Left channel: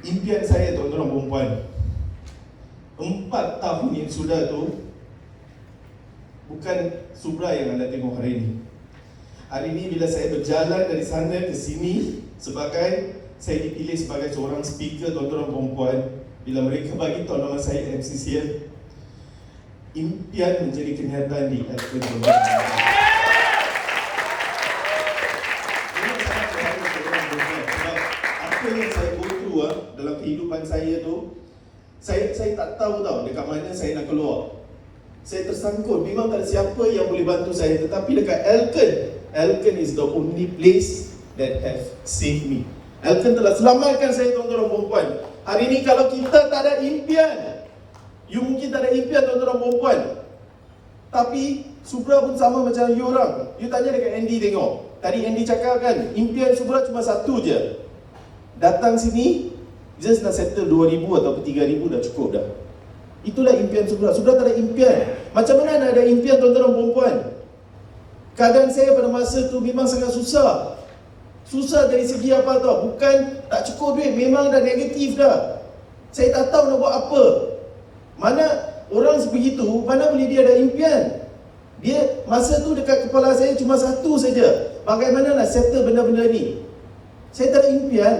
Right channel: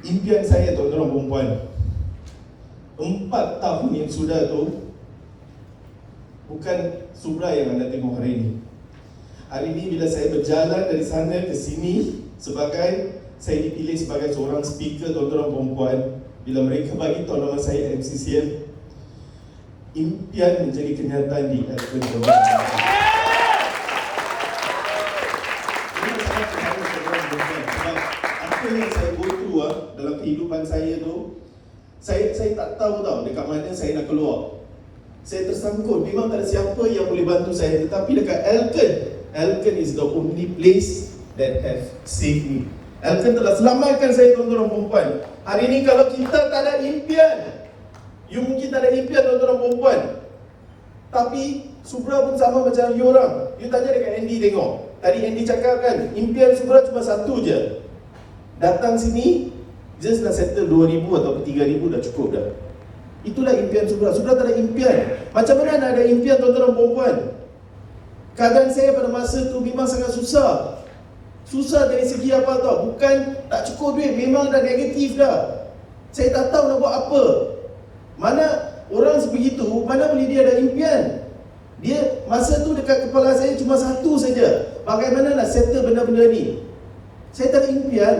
Impian saya tuan-tuan perempuan, 4 tahun yang sudah tu bukan Subra yang anda tengok hari ini. Hari ini bila saya berjalan dari sana ke sini, saya dipilih sebagai seorang speaker tuan-tuan perempuan. Bila mereka bagi tahu nama saya MCCM, impian menjadi kenyataan di Elken tuan-tuan. Ini sangat berharga tuan-tuan perempuan. Sebab apa yang saya go through dalam kehidupan saya tu, saya tak tahu tau dekat mana saya nak keluar. Saya tersangkut, memang tak ada siapa yang boleh bantu saya. Tetapi dekat Elken is the only place that has saved me. Elken telah selamatkan saya tuan-tuan perempuan. Hari ini kalau kita tak ada impian, you mungkin tak ada impian tuan-tuan perempuan, tapi Subra pun sama macam you orang. You tanya dekat Andy tengok. Tadi Andy cakap kan, impian Subra cuma satu je. Datang sini, just nak settle 2,000 atau 3,000 dah cukup dah. Itulah impian Subra. Subra tak ada impian. Macam mana nak ada impian tuan-tuan perempuan? Keadaan saya pada masa tu memang sangat susah. Susah dari segi apa tau? Bukan tak cukup duit, memang dah negatif dah. Saya tak tahu nak buat apa. Mana orang sebegitu, mana boleh dia ada impian? Dia masa tu dekat kepala saya cuma satu saja. Bagaimana nak settle benda-benda ni? Saya tak ada impian.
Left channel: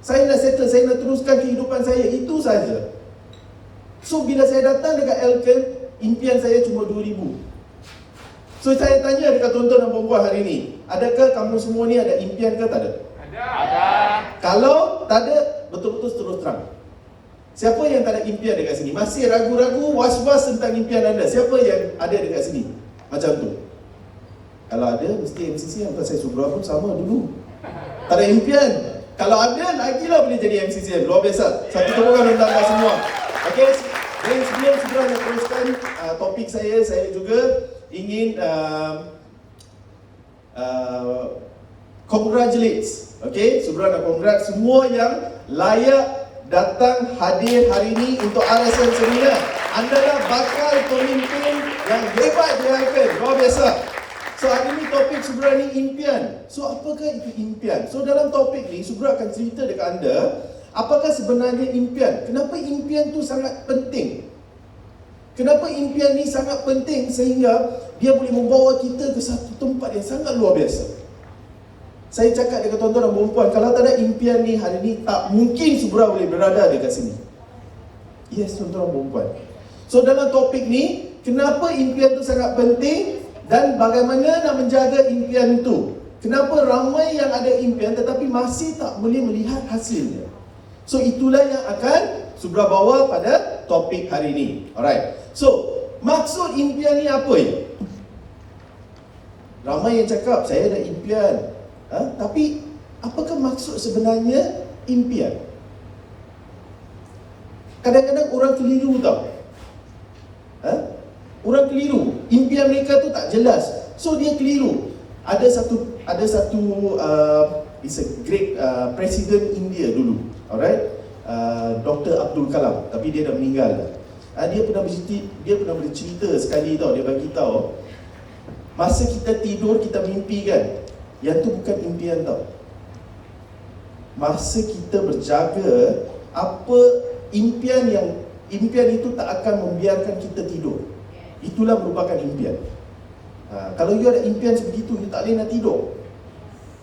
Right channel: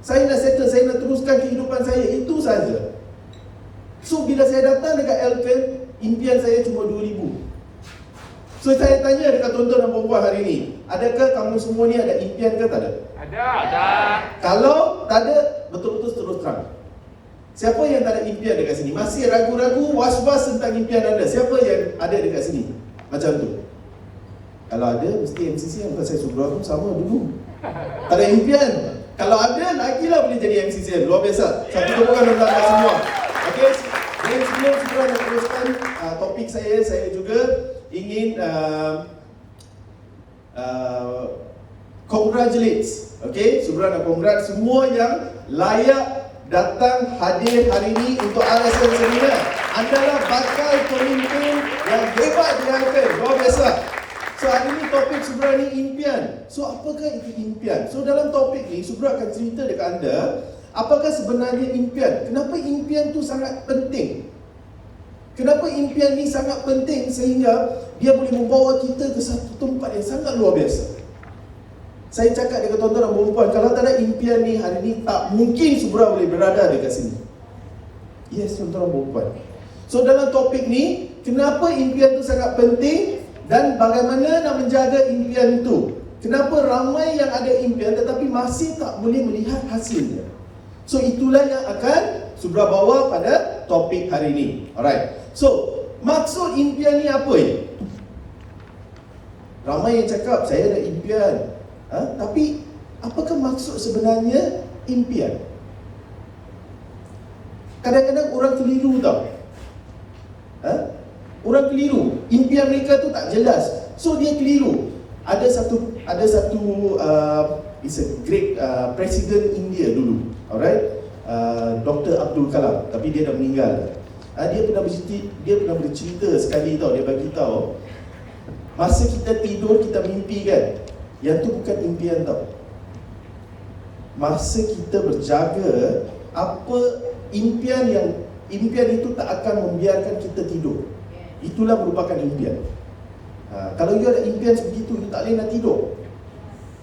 Saya nak settle, saya nak teruskan kehidupan saya, itu saja. So bila saya datang dekat Elken, impian saya cuma 2,000. So saya tanya dekat tuan-tuan dan puan-puan hari ni, adakah kamu semua ni ada impian ke tak ada? Ada. Kalau tak ada, betul-betul terus terang. Siapa yang tak ada impian dekat sini? Masih ragu-ragu, was-was tentang impian anda? Siapa yang ada dekat sini? Macam tu. Kalau ada, mesti MCC yang saya Subra pun sama dulu. Tak ada impian. Kalau ada, lagilah boleh jadi MCC. Luar biasa. Satu orang menambah semua. Okey, dan sebelum Subra nak teruskan topik saya juga ingin congratulate. Okey, Subra nak congrats semua yang layak datang hadir hari ini untuk RSM Seminar. Anda lah bakal pemimpin yang hebat di Elken. Luar biasa. So hari ini topik Subra ni impian. So apakah itu impian? So dalam topik ni Subra akan cerita dekat anda, apakah sebenarnya impian? Kenapa impian tu sangat penting? Kenapa impian ni sangat penting sehingga dia boleh membawa kita ke satu tempat yang sangat luar biasa? Saya cakap dekat tuan-tuan dan perempuan, kalau tak ada impian ni hari ni tak mungkin Subra boleh berada dekat sini. Yes tuan-tuan dan perempuan. So dalam topik ni, kenapa impian tu sangat penting dan bagaimana nak menjaga impian tu? Kenapa ramai yang ada impian tetapi masih tak boleh melihat hasilnya? So itulah yang akan Subra bawa pada topik hari ini. Alright. So maksud impian ni apa ya? Ramai yang cakap saya ada impian. Tapi apakah maksud sebenarnya impian? Kadang-kadang orang keliru tau. Orang keliru. Impian mereka tu tak jelas. So dia keliru. Ada satu it's a great President India dulu. Alright. Dr. Abdul Kalam, tapi dia dah meninggal. Dia pernah bercerita sekali tau. Dia bagi tahu, masa kita tidur kita mimpi kan, yang tu bukan impian tau. Masa kita berjaga, apa impian itu tak akan membiarkan kita tidur. Itulah merupakan impian. Kalau you ada impian sebegitu, you tak boleh nak tidur.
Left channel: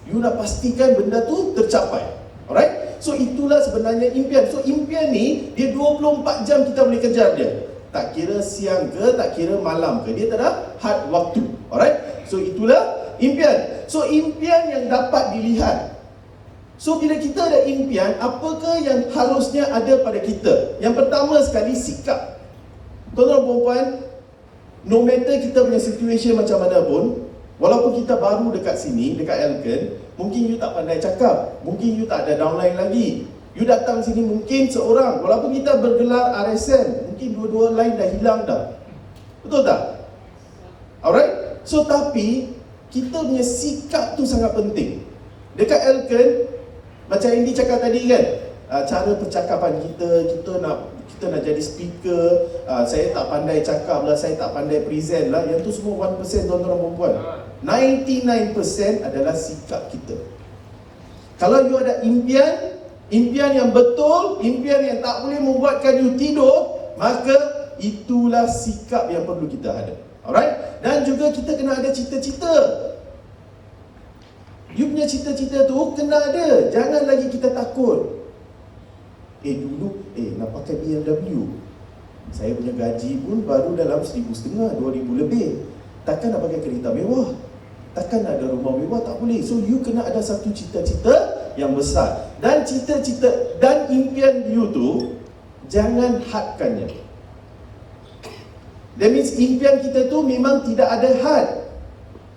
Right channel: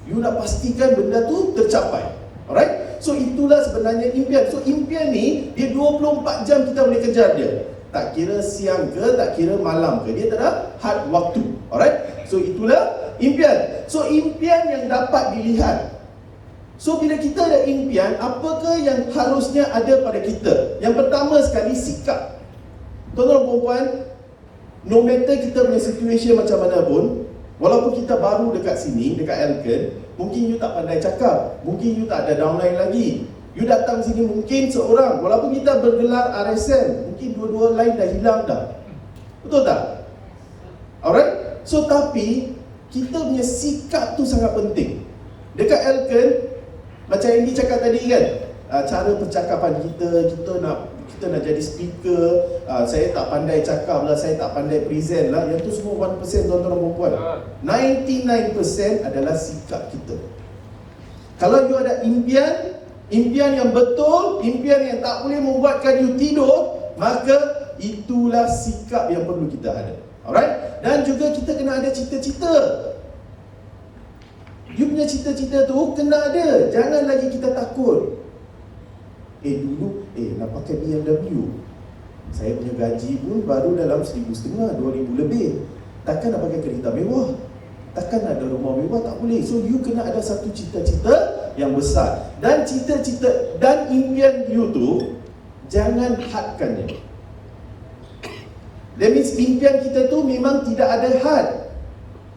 You nak pastikan benda tu tercapai. Alright? So itulah sebenarnya impian. So impian ni, dia 24 jam kita boleh kejar dia. Tak kira siang ke, tak kira malam ke, dia tak ada had waktu. Alright? So itulah impian. So impian yang dapat dilihat. So bila kita ada impian, apakah yang harusnya ada pada kita? Yang pertama sekali, sikap. Tuan-tuan dan puan, no matter kita punya situation macam mana pun, walaupun kita baru dekat sini, dekat Elken, mungkin you tak pandai cakap, mungkin you tak ada downline lagi. You datang sini mungkin seorang, walaupun kita bergelar RSM, mungkin dua-dua lain dah hilang dah. Betul tak? Alright? So tapi kita punya sikap tu sangat penting. Dekat Elken, macam yang dicakap tadi kan, cara percakapan kita nak jadi speaker, saya tak pandai cakap lah, saya tak pandai present lah. Yang tu semua 1% tuan-tuan dan puan. 99% adalah sikap kita. Kalau you ada impian, impian yang betul, impian yang tak boleh membuatkan you tidur, maka itulah sikap yang perlu kita ada. Alright? Dan juga kita kena ada cita-cita. You punya cita-cita tu kena ada. Jangan lagi kita takut. Dulu nak pakai BMW. Saya punya gaji pun baru dalam 1,500, 2,000 lebih. Takkan nak pakai kereta mewah, takkan nak ada rumah mewah, tak boleh. So you kena ada satu cita-cita yang besar. Dan cita-cita dan impian you tu jangan hadkannya. That means impian kita tu memang tidak ada had.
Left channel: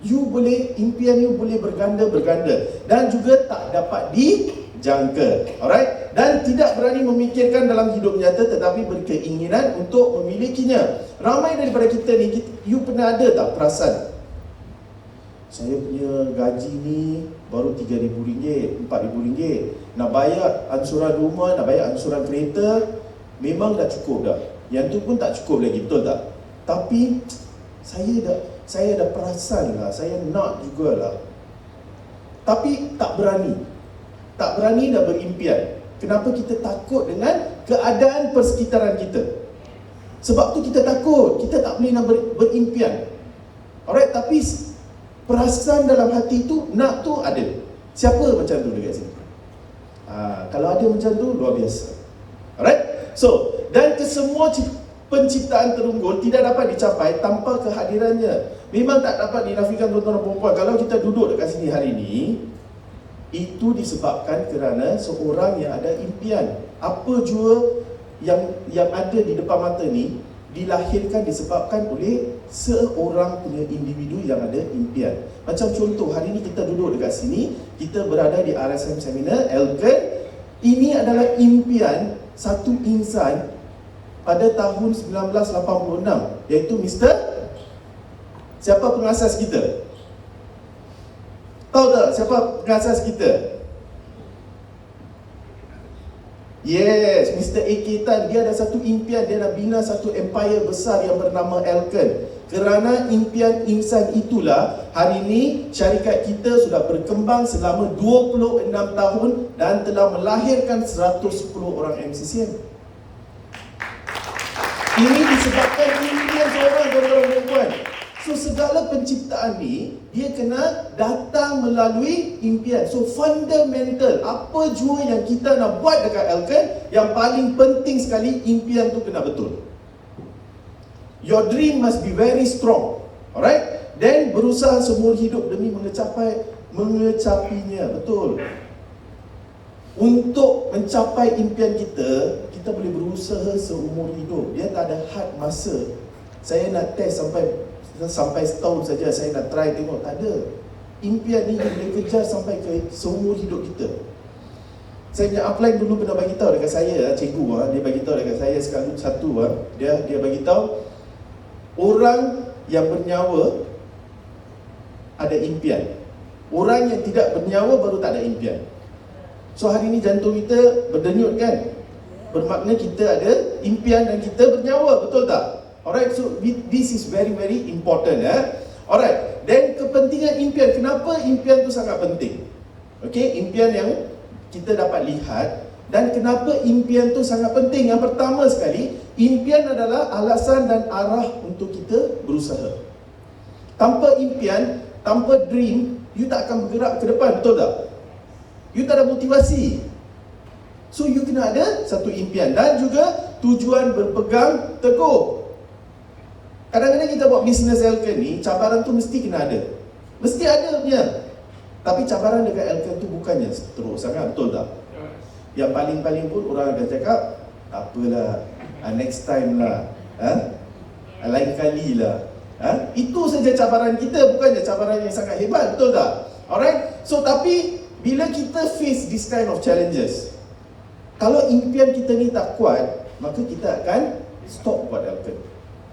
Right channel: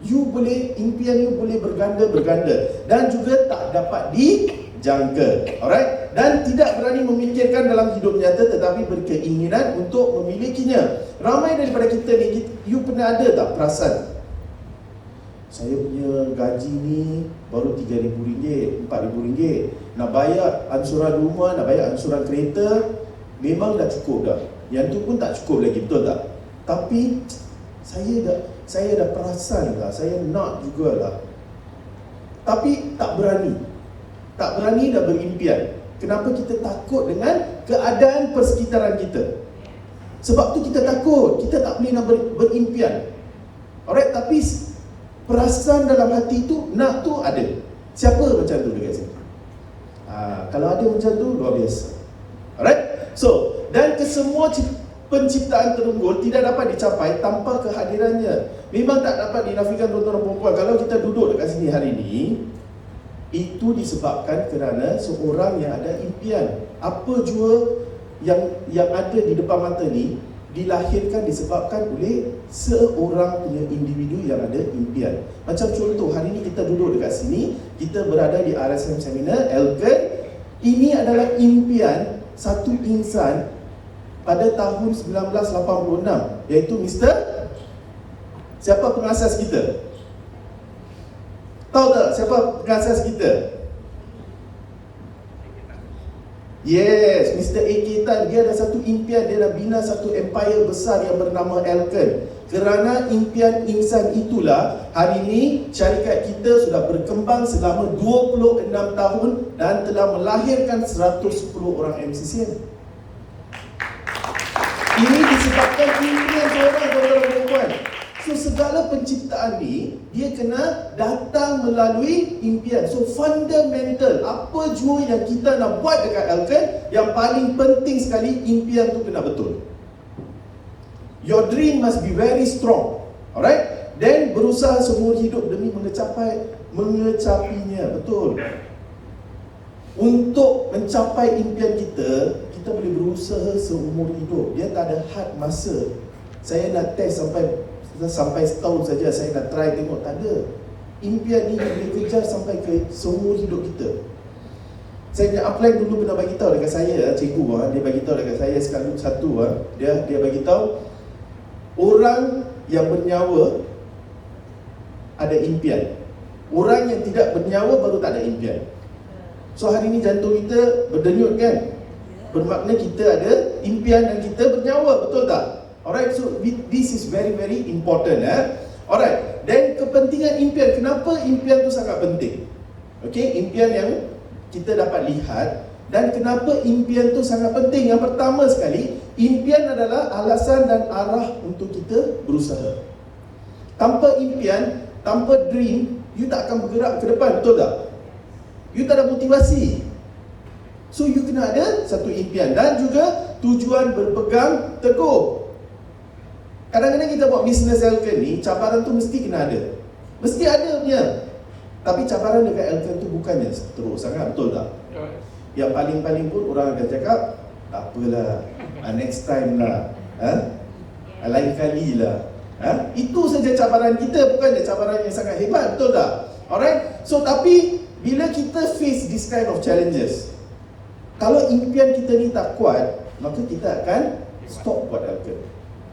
You boleh, impian you boleh berganda-berganda dan juga tak dapat dijangka. Alright? Dan tidak berani memikirkan dalam hidup nyata tetapi berkeinginan untuk memilikinya. Ramai daripada kita ni, you pernah ada tak perasan? Saya punya gaji ni baru RM3,000, RM4,000. Nak bayar ansuran rumah, nak bayar ansuran kereta, memang dah cukup dah. Yang tu pun tak cukup lagi, betul tak? Tapi saya dah perasan lah, saya nak jugalah. Tapi tak berani dah berimpian. Kenapa kita takut dengan keadaan persekitaran kita? Sebab tu kita takut, kita tak boleh nak berimpian. Alright, tapi perasaan dalam hati tu, nak tu ada. Siapa macam tu dekat sini? Kalau ada macam tu, luar biasa. Alright, so, dan kesemua penciptaan terunggul tidak dapat dicapai tanpa kehadirannya. Memang tak dapat dinafikan tuan-tuan dan puan-puan. Kalau kita duduk dekat sini hari ini, itu disebabkan kerana seorang yang ada impian. Apa jua yang ada di depan mata ni dilahirkan disebabkan oleh seorang punya individu yang ada impian. Macam contoh, hari ni kita duduk dekat sini, kita berada di RSM Seminar Elken. Ini adalah impian satu insan pada tahun 1986, iaitu Mr. Siapa pengasas kita? Tahu tak siapa pengasas kita? Yes, Mr. A.K. Tan. Dia ada satu impian, dia nak bina satu empire besar yang bernama Elken. Kerana impian insan itulah, hari ini syarikat kita sudah berkembang selama 26 tahun dan telah melahirkan 110 orang MCCM. Ini disebabkan impian seorang tuan-tuan. So segala penciptaan ni, dia kena datang melalui impian. So fundamental, apa jua yang kita nak buat dekat Elken, yang paling penting sekali, impian tu kena betul. Your dream must be very strong. Alright? Then berusaha seumur hidup demi mencapinya. Betul. Untuk mencapai impian kita, kita boleh berusaha seumur hidup. Dia tak ada had masa. Saya nak test sampai setahun saja, saya nak try tengok, tak ada. Impian ni boleh kejar sampai ke seumur hidup kita. Saya nak apply dulu pernah bagi tahu dekat saya, cikgu dia bagi tahu dekat saya sekali satu, dia bagi tahu orang yang bernyawa ada impian. Orang yang tidak bernyawa baru tak ada impian. So hari ni jantung kita berdenyut kan? Bermakna kita ada impian dan kita bernyawa, betul tak? Alright, so this is very very important. Alright, dan kepentingan impian. Kenapa impian tu sangat penting? Okay, impian yang kita dapat lihat. Dan kenapa impian tu sangat penting? Yang pertama sekali, impian adalah alasan dan arah untuk kita berusaha. Tanpa impian, tanpa dream, you tak akan bergerak ke depan, betul tak? You tak ada motivasi. So you kena ada satu impian dan juga tujuan berpegang teguh. Kadang-kadang kita buat bisnes Elken ni, cabaran tu mesti kena ada. Mesti ada punya. Tapi cabaran dekat Elken tu bukannya teruk sangat, betul tak? Yang paling-paling pun orang akan cakap, tak apalah, next time lah, lain kali lah. Itu saja cabaran kita, bukannya cabaran yang sangat hebat, betul tak? Alright? So tapi, bila kita face this kind of challenges, kalau impian kita ni tak kuat, maka kita akan stop buat Elken.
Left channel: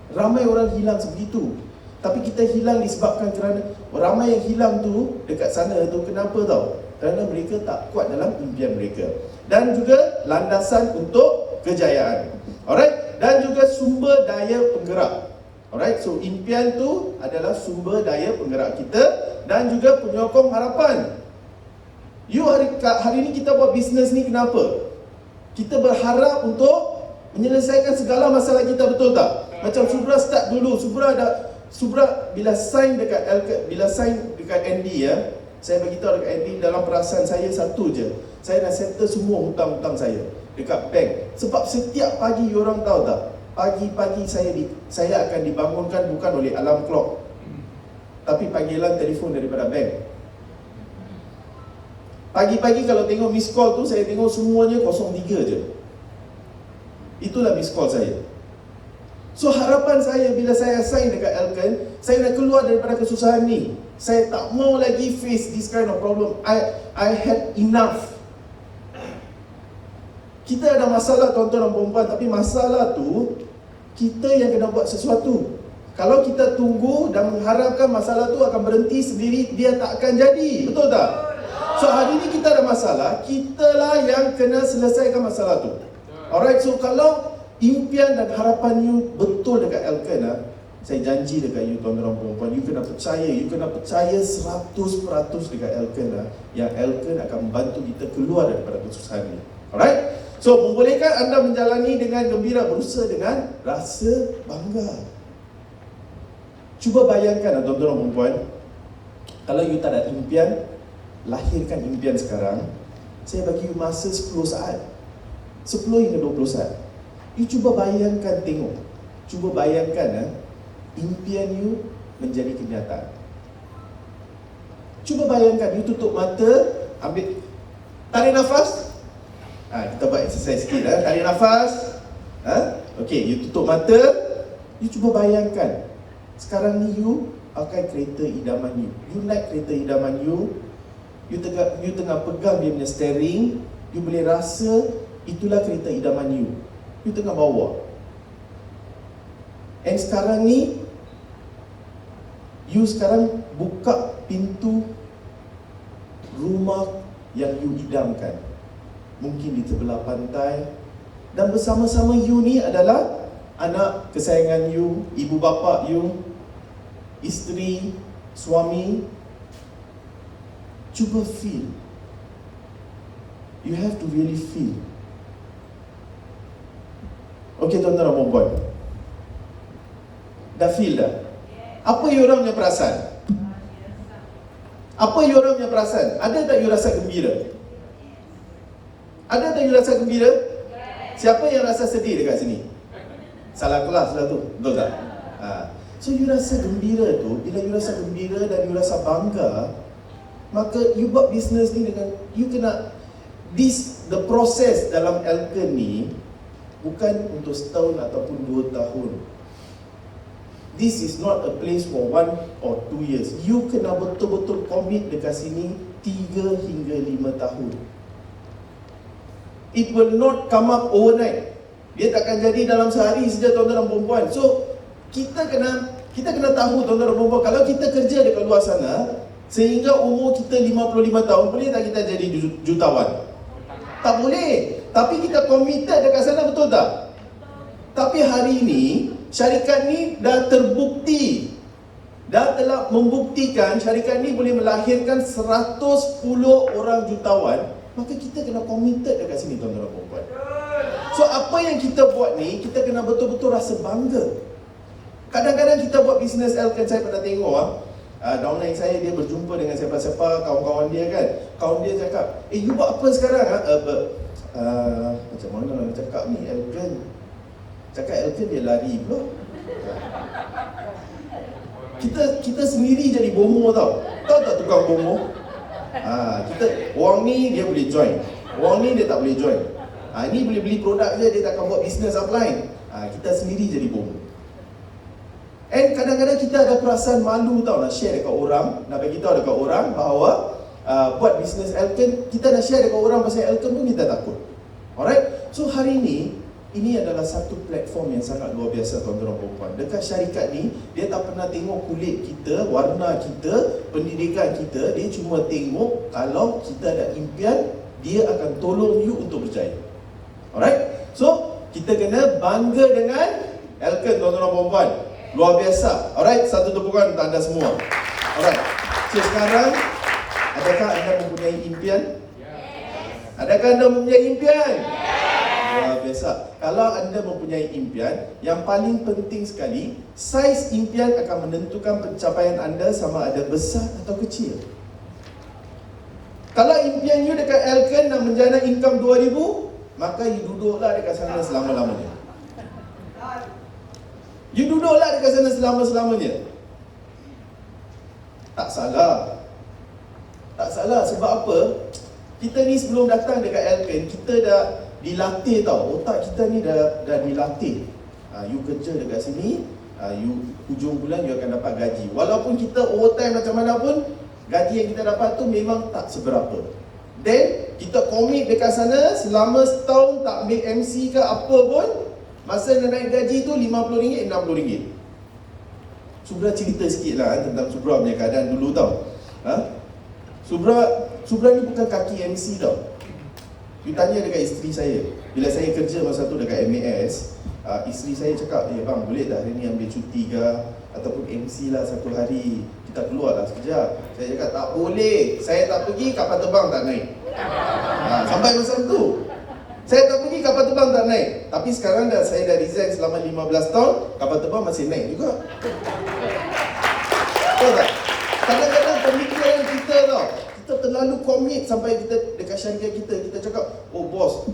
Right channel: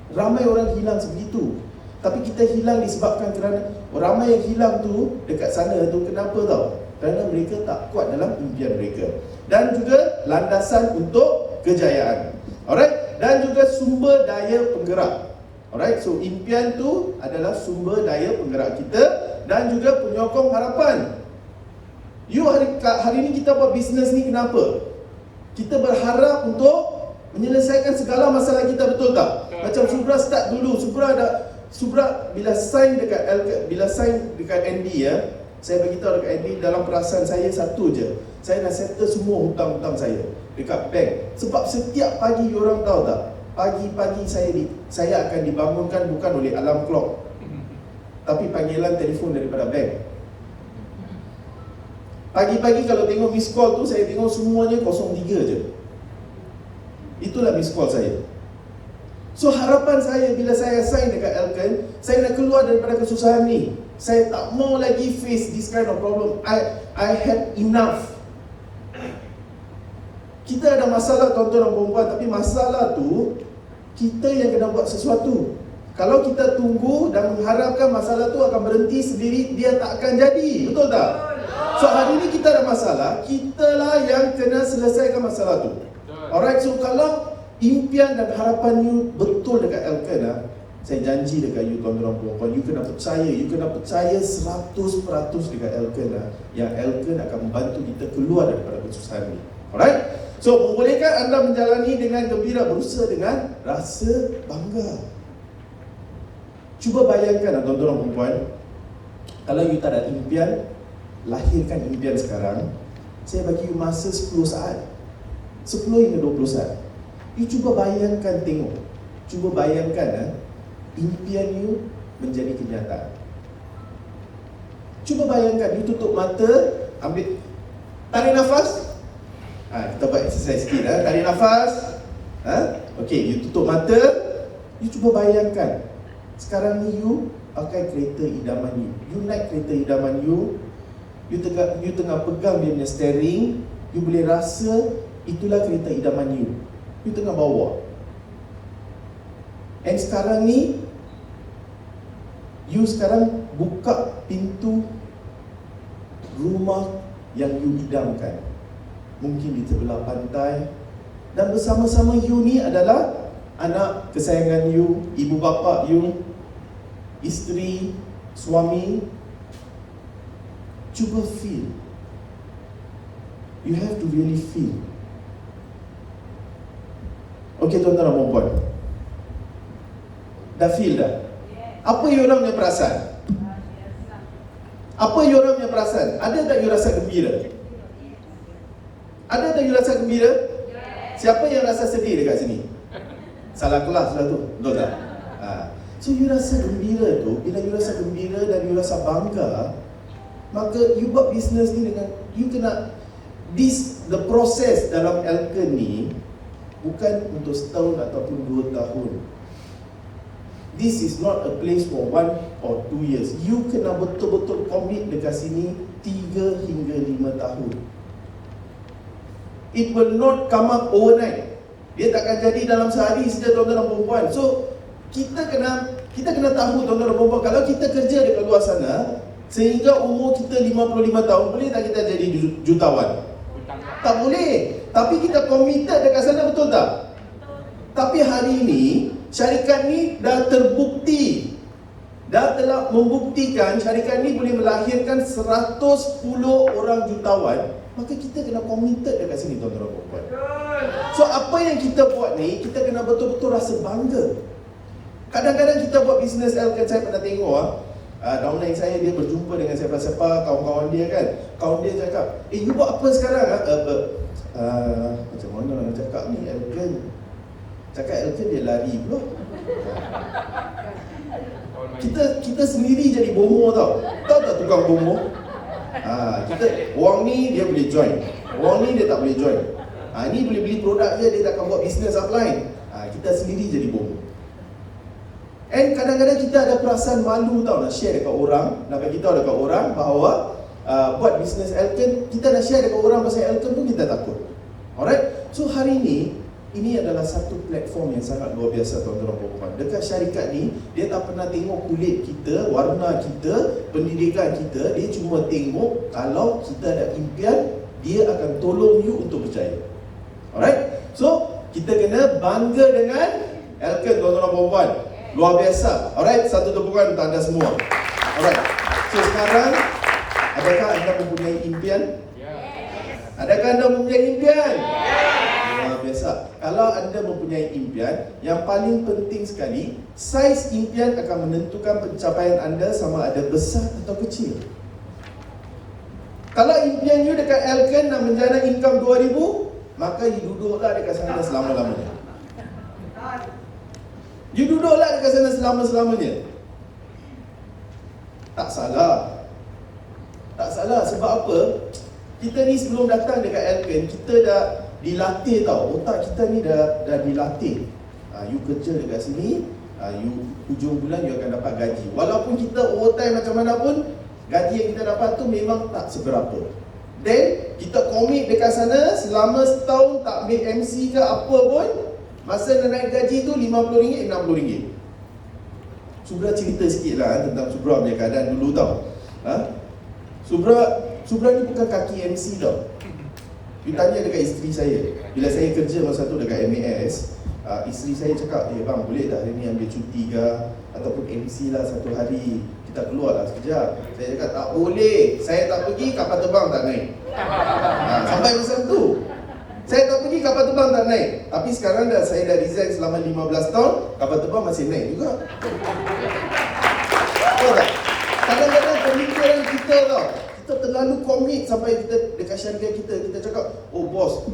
Ramai orang hilang sebegitu. Tapi kita hilang disebabkan kerana ramai yang hilang tu dekat sana tu, kenapa tau? Kerana mereka tak kuat dalam impian mereka. Dan juga landasan untuk kejayaan. Alright? Dan juga sumber daya penggerak. Alright? So impian tu adalah sumber daya penggerak kita dan juga penyokong harapan. hari ini kita buat bisnes ni kenapa? Kita berharap untuk menyelesaikan segala masalah kita, betul tak? Macam Subra start dulu, Subra bila sign dekat NB ya, saya beritahu dekat NB, dalam perasaan saya satu je, saya dah settle semua hutang-hutang saya dekat bank. Sebab setiap pagi orang tahu tak, pagi-pagi saya akan dibangunkan bukan oleh alarm clock, tapi panggilan telefon daripada bank. Pagi-pagi kalau tengok miss call tu, saya tengok semuanya 03 je. Itulah miss call saya. So harapan saya bila saya sign dekat Elken, saya nak keluar daripada kesusahan ni. Saya tak mau lagi face this kind of problem. I had enough. Kita ada masalah tuan-tuan dan puan-puan, tapi masalah tu kita yang kena buat sesuatu. Kalau kita tunggu dan mengharapkan masalah tu akan berhenti sendiri, dia tak akan jadi. Betul tak? So hari ni kita ada masalah, kitalah yang kena selesaikan masalah tu. Alright, so kalau impian dan harapan you betul dekat Elken, saya janji dekat you tuan-tuan dan puan-puan, you kena percaya 100% dekat Elken, yang Elken akan membantu kita keluar daripada kesusahan ni. Alright, so membolehkan anda menjalani dengan gembira, berusaha dengan rasa bangga. Cuba bayangkan tuan-tuan dan puan-puan, kalau you tak ada impian, lahirkan impian sekarang. Saya bagi you masa 10 saat, 10 hingga 20 saat. You cuba bayangkan, cuba bayangkan impian you menjadi kenyataan. Cuba bayangkan, you tutup mata, ambil, tarik nafas. Kita buat exercise sikit. Tarik nafas. Okay, you tutup mata. You cuba bayangkan, sekarang ni you pakai kereta idaman you. You naik kereta idaman you. You tengah pegang dia punya steering. You boleh rasa itulah kereta idaman you. You tengah bawa. And sekarang ni, you sekarang buka pintu rumah yang you idamkan. Mungkin di sebelah pantai. Dan bersama-sama you ni adalah anak kesayangan you, ibu bapa you, isteri, suami. Cuba feel. You have to really feel. Okey tuan-tuan dan puan-puan, dah feel dah? Apa you orang punya perasaan? Apa you orang punya perasaan? Ada tak you rasa gembira? Ada tak you rasa gembira? Siapa yang rasa sedih dekat sini? Salah kelas lah tu, betul tak? So you rasa gembira tu, bila you rasa gembira dan you rasa bangga, maka you buat bisnes ni dengan, you kena, the proses dalam Elken ni bukan untuk setahun ataupun 2 tahun. This is not a place for 1 or 2 years. You kena betul-betul commit dekat sini 3 hingga 5 tahun. It will not come up overnight. Dia takkan jadi dalam sehari saja tuan-tuan dan puan-puan. So kita kena tahu tuan-tuan dan puan-puan, kalau kita kerja dekat luar sana sehingga umur kita 55 tahun, boleh tak kita jadi jutawan? Tak boleh. Tapi kita committed dekat sana, betul tak? Tapi hari ini syarikat ni dah terbukti, dah telah membuktikan syarikat ni boleh melahirkan 110 orang jutawan. Maka kita kena committed dekat sini tuan-tuan dan puan-puan. So apa yang kita buat ni, kita kena betul-betul rasa bangga. Kadang-kadang kita buat bisnes Elken, saya pernah tengok downline saya, dia berjumpa dengan siapa-siapa, kawan-kawan dia kan. Kawan dia cakap, you buat apa sekarang? Macam mana nak cakap ni, Elken? Cakap Elken dia lari pula. Kita sendiri jadi bomo tau. Tahu tak tukang bomo? Orang ni dia boleh join, orang ni dia tak boleh join. Ni boleh beli produk je, dia takkan buat bisnes offline. Kita sendiri jadi bomo. And kadang-kadang kita ada perasaan malu tau, nak share dekat orang, nak bagi tahu dekat orang bahawa buat bisnes Elken, kita nak share dekat orang pasal Elken pun kita takut. Alright, so hari ini adalah satu platform yang sangat luar biasa tuan-tuan dan puan-puan. Dekat syarikat ni, dia tak pernah tengok kulit kita, warna kita, pendidikan kita. Dia cuma tengok kalau kita ada impian, dia akan tolong you untuk percaya. Alright, so kita kena bangga dengan Elken tuan-tuan dan puan-puan. Luar biasa. Alright, satu tepukan untuk anda semua. Alright, so sekarang Adakah anda mempunyai impian? Adakah anda mempunyai impian? Luar biasa. Kalau anda mempunyai impian, yang paling penting sekali, saiz impian akan menentukan pencapaian anda sama ada besar atau kecil. Kalau impian you dekat Elken nak menjana income 2,000, maka you duduklah dekat sana selama-lamanya. You duduklah dekat sana selama-lamanya. Tak salah. Tak salah, sebab apa? Kita ni sebelum datang dekat Elken, kita dah dilatih tau. Otak kita ni dah dilatih. You kerja dekat sini, you hujung bulan you akan dapat gaji. Walaupun kita overtime macam mana pun, gaji yang kita dapat tu memang tak seberapa. Then, kita komit dekat sana selama setahun tak ambil MC ke apa pun, masa nak naik gaji tu RM50, RM60. Subra cerita sikit lah tentang Subra punya keadaan dulu tau. Subra ni bukan kaki MC tau. Dia tanya dekat isteri saya. Bila saya kerja masa tu dekat MAS, isteri saya cakap, bang boleh tak hari ni ambil cuti ke, ataupun MC lah satu hari, kita keluar lah sekejap. Saya cakap tak boleh, saya tak pergi, kapal terbang tak naik. Sampai masa tu saya tak pergi, kapal terbang tak naik. Tapi sekarang saya dah resign selama 15 tahun, kapal terbang masih naik juga. Tahu tak? Kadang-kadang pemikiran kita tau, kita terlalu komit sampai kita dekat syarikat kita cakap, oh bos,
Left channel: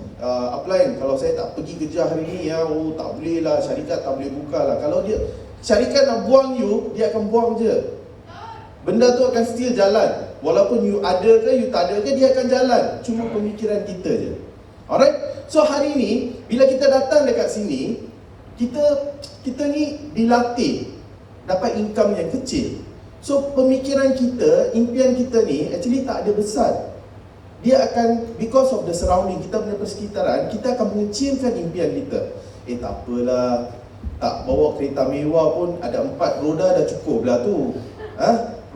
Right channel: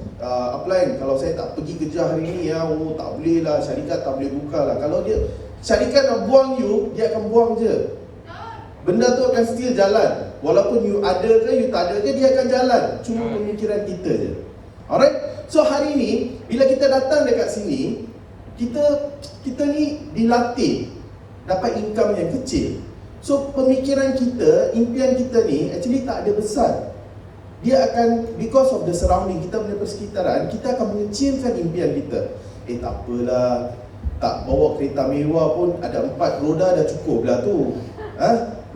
upline, kalau saya tak pergi kerja hari ni ya, tak boleh lah, syarikat tak boleh buka lah. Kalau dia syarikat nak buang you, dia akan buang je. Benda tu akan still jalan. Walaupun you ada ke, you tak ada ke, dia akan jalan. Cuma pemikiran kita je. Alright? So hari ni, bila kita datang dekat sini, kita ni dilatih dapat income yang kecil. So pemikiran kita, impian kita ni actually tak ada besar. Dia akan, because of the surrounding, kita punya persekitaran, kita akan mengecilkan impian kita. Tak apalah, tak bawa kereta mewah pun, ada 4 roda dah cukup lah tu.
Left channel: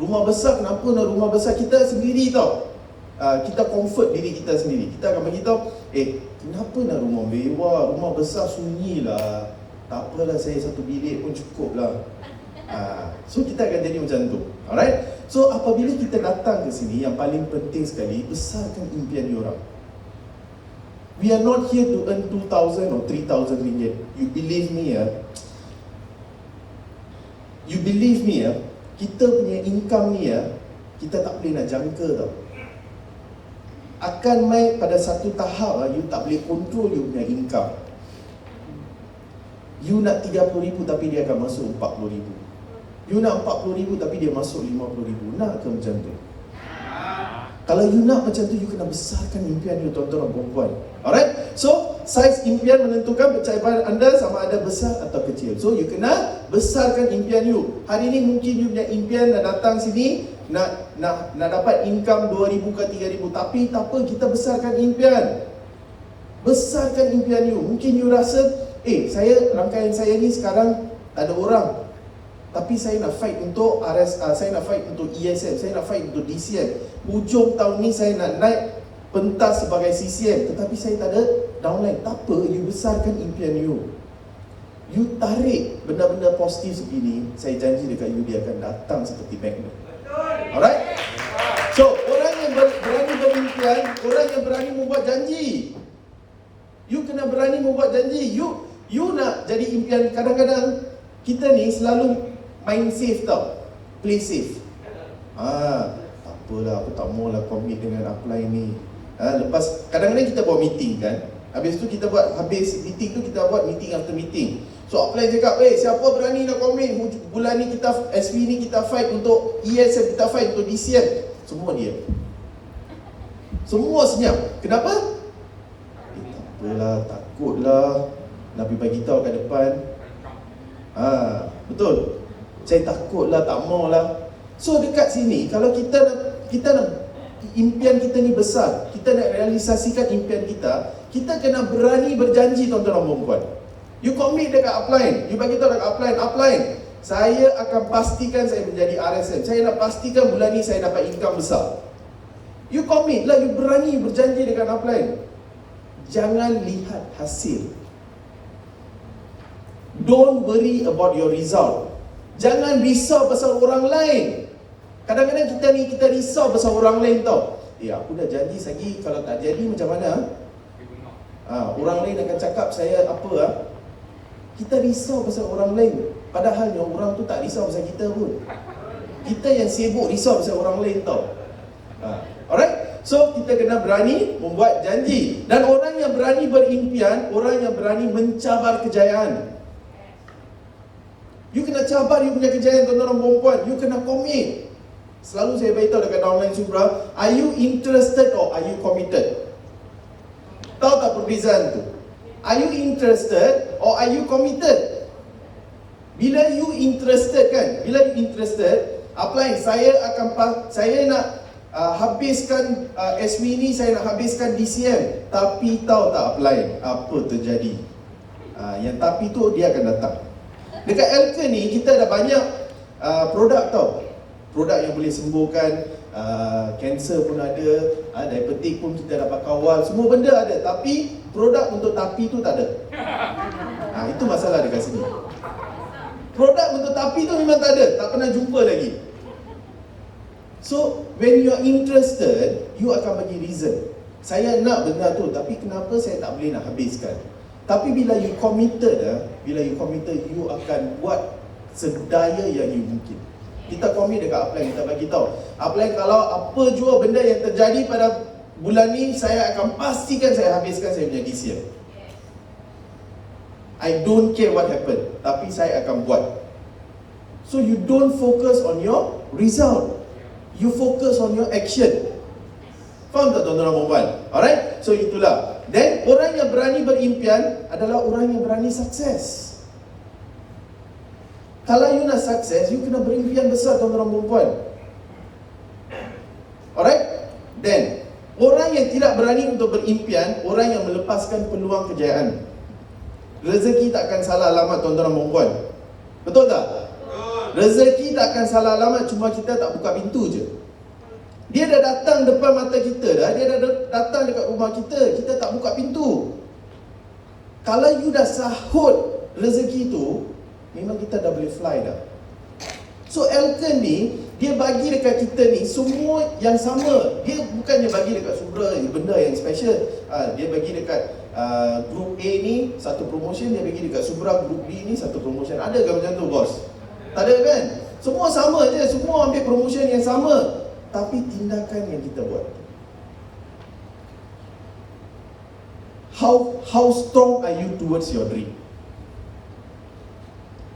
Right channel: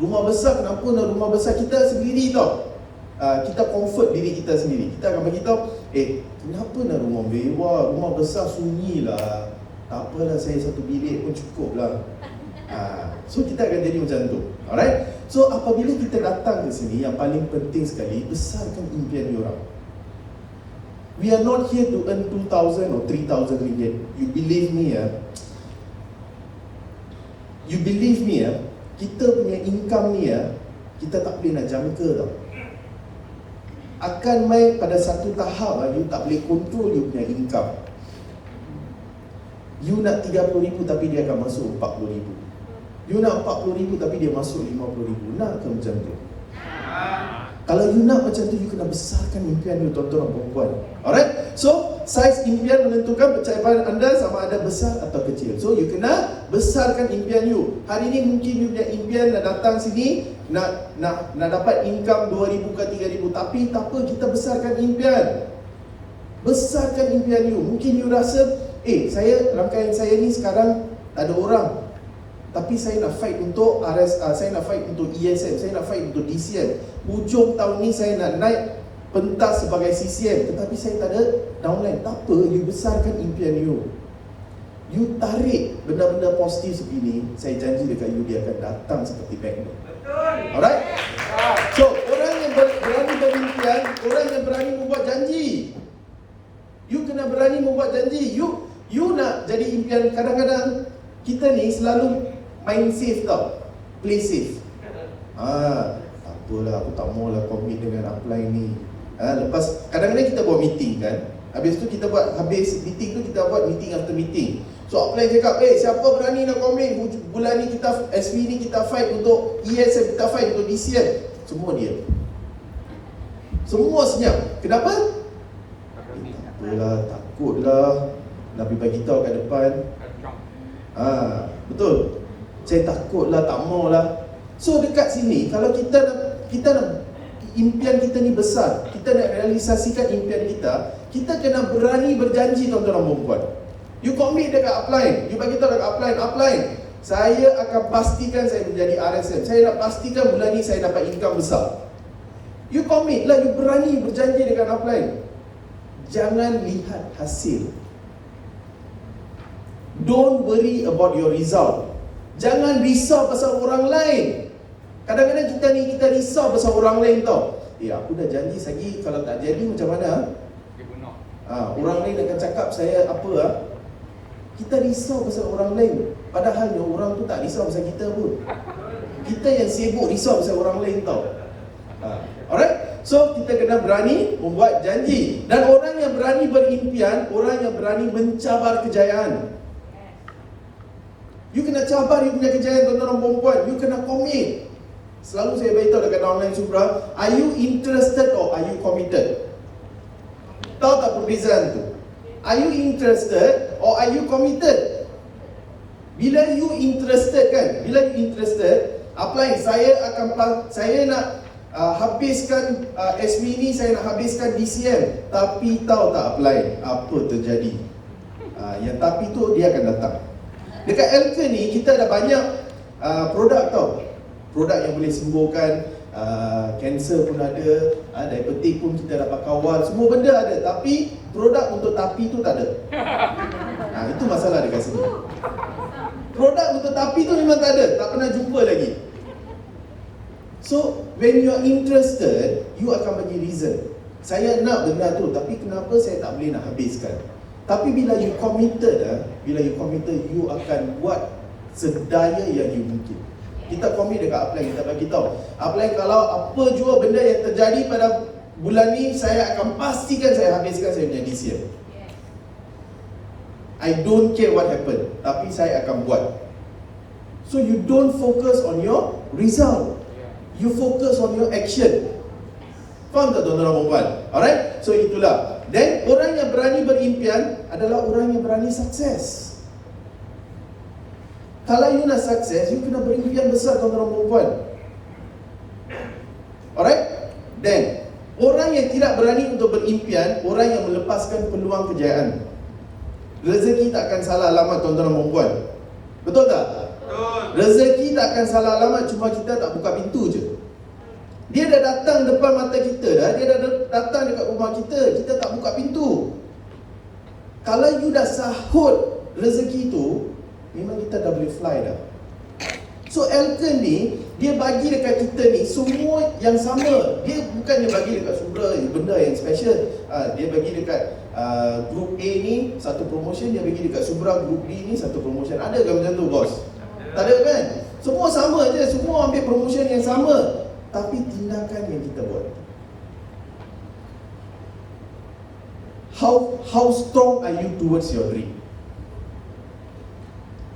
Rumah besar, kenapa nak rumah besar? Kita sendiri tau, kita comfort diri kita sendiri. Kita akan beritahu, kenapa nak rumah mewah, rumah besar sunyi lah, tak apalah, saya satu bilik pun cukup lah. So kita akan jadi macam tu. Alright? So apabila kita datang ke sini, yang paling penting sekali, besarkan impian diorang. We are not here to earn 2,000 or 3,000 ringgit. You believe me kita punya income ni kita tak boleh nak jangka tau. Akan mai pada satu tahap you tak boleh control you punya income. You nak 30,000 tapi dia akan masuk 40,000. You nak 40,000 tapi dia masuk 50,000. Nak ke macam tu? Kalau you nak macam tu, you kena besarkan impian you, tuan-tuan dan perempuan. Alright? So, saiz impian menentukan pencapaian anda sama ada besar atau kecil. So, you kena besarkan impian you. Hari ni mungkin you punya impian nak datang sini, nak dapat income 2,000 ke 3,000. Tapi tak apa, kita besarkan impian. Besarkan impian you. Mungkin you rasa, rangkaian saya ni sekarang tak ada orang. Tapi saya nak fight untuk RSA, saya nak fight untuk ESM, saya nak fight untuk DCM. Hujung tahun ni saya nak naik pentas sebagai CCM, tetapi saya tak ada downline. Tak apa, you besarkan impian you. You tarik benda-benda positif seperti ni, saya janji dekat you, dia akan datang seperti magnet. Alright? So, orang yang berani berimpian, orang yang berani membuat janji. You kena berani membuat janji. You nak jadi impian. Kadang-kadang kita ni selalu main safe tau, play safe. Tak apalah, aku tak mau lah commit dengan upline ni. Lepas, kadang-kadang kita buat meeting kan, habis meeting tu kita buat meeting after meeting. So upline cakap, siapa berani nak commit bulan ni, kita SV ni kita fight untuk ESM, kita fight untuk DCM. Semua dia, semua senyap. Kenapa? Tak apalah, takutlah nak bagi tahu kat depan. Betul. Saya takutlah, tak maulah. So dekat sini, kalau kita nak impian kita ni besar, kita nak realisasikan impian kita kena berani berjanji, tuan-tuan dan perempuan. You commit dekat upline, you bagi tahu dekat upline, saya akan pastikan saya menjadi RSM. Saya nak pastikan bulan ni saya dapat income besar. You commit lah, you berani berjanji dekat upline. Jangan lihat hasil. Don't worry about your result. Jangan risau pasal orang lain. Kadang-kadang kita risau pasal orang lain tau. Aku dah janji lagi, kalau tak jadi macam mana? Orang lain akan cakap saya apa? Kita risau pasal orang lain. Padahal orang tu tak risau pasal kita pun. Kita yang sibuk risau pasal orang lain tau. Alright? So kita kena berani membuat janji. Dan orang yang berani berimpian, orang yang berani mencabar kejayaan. You kena cabar you punya kejayaan, tuan-tuan perempuan. You kena commit. Selalu saya beritahu dekat online Subra, are you interested or are you committed? Tahu tak perbezaan tu? Are you interested or are you committed? Bila you interested kan, bila you interested, apply, saya nak habiskan SW ni, saya nak habiskan DCM. Tapi tahu tak apply, apa terjadi? Yang tapi tu dia akan datang. Dekat Elke ni kita ada banyak produk tau. Produk yang boleh sembuhkan kanser pun ada, diabetik pun kita dapat kawal, semua benda ada. Tapi produk untuk tapi tu tak ada. Itu masalah dekat sini. Produk untuk tapi tu memang tak ada, tak pernah jumpa lagi. So when you are interested, you akan bagi reason. Saya nak benda tu, tapi kenapa saya tak boleh nak habiskan? Tapi bila you committed, you akan buat sedaya yang you mungkin. Kita commit dekat Upline, kita bagi tahu. Upline, kalau apa jua benda yang terjadi pada bulan ni, saya akan pastikan saya habiskan saya punya DCM. I don't care what happen, tapi saya akan buat. So you don't focus on your result, you focus on your action. Faham tak tuan-tuan dan puan-puan? Alright, so itulah. Dan orang yang berani berimpian adalah orang yang berani sukses. Kalau you nak sukses, you kena berimpian besar tuan-tuan dan puan-puan. Alright? Dan orang yang tidak berani untuk berimpian, orang yang melepaskan peluang kejayaan. Rezeki tak akan salah alamat tuan-tuan dan puan-puan. Betul tak? Betul. Rezeki tak akan salah alamat, cuma kita tak buka pintu je. Dia dah datang depan mata kita dah, dia dah datang dekat rumah kita tak buka pintu. Kalau you dah sahut rezeki tu, memang kita dah boleh fly dah. So Elken ni, dia bagi dekat kita ni semua yang sama. Dia bukannya bagi dekat Subra benda yang special. Dia bagi dekat group A ni satu promotion, dia bagi dekat Subra group B ni satu promotion. Ada ke macam tu bos? Tak ada kan? Semua sama je, semua ambil promotion yang sama. Tapi tindakan yang kita buat, how strong are you towards your dream?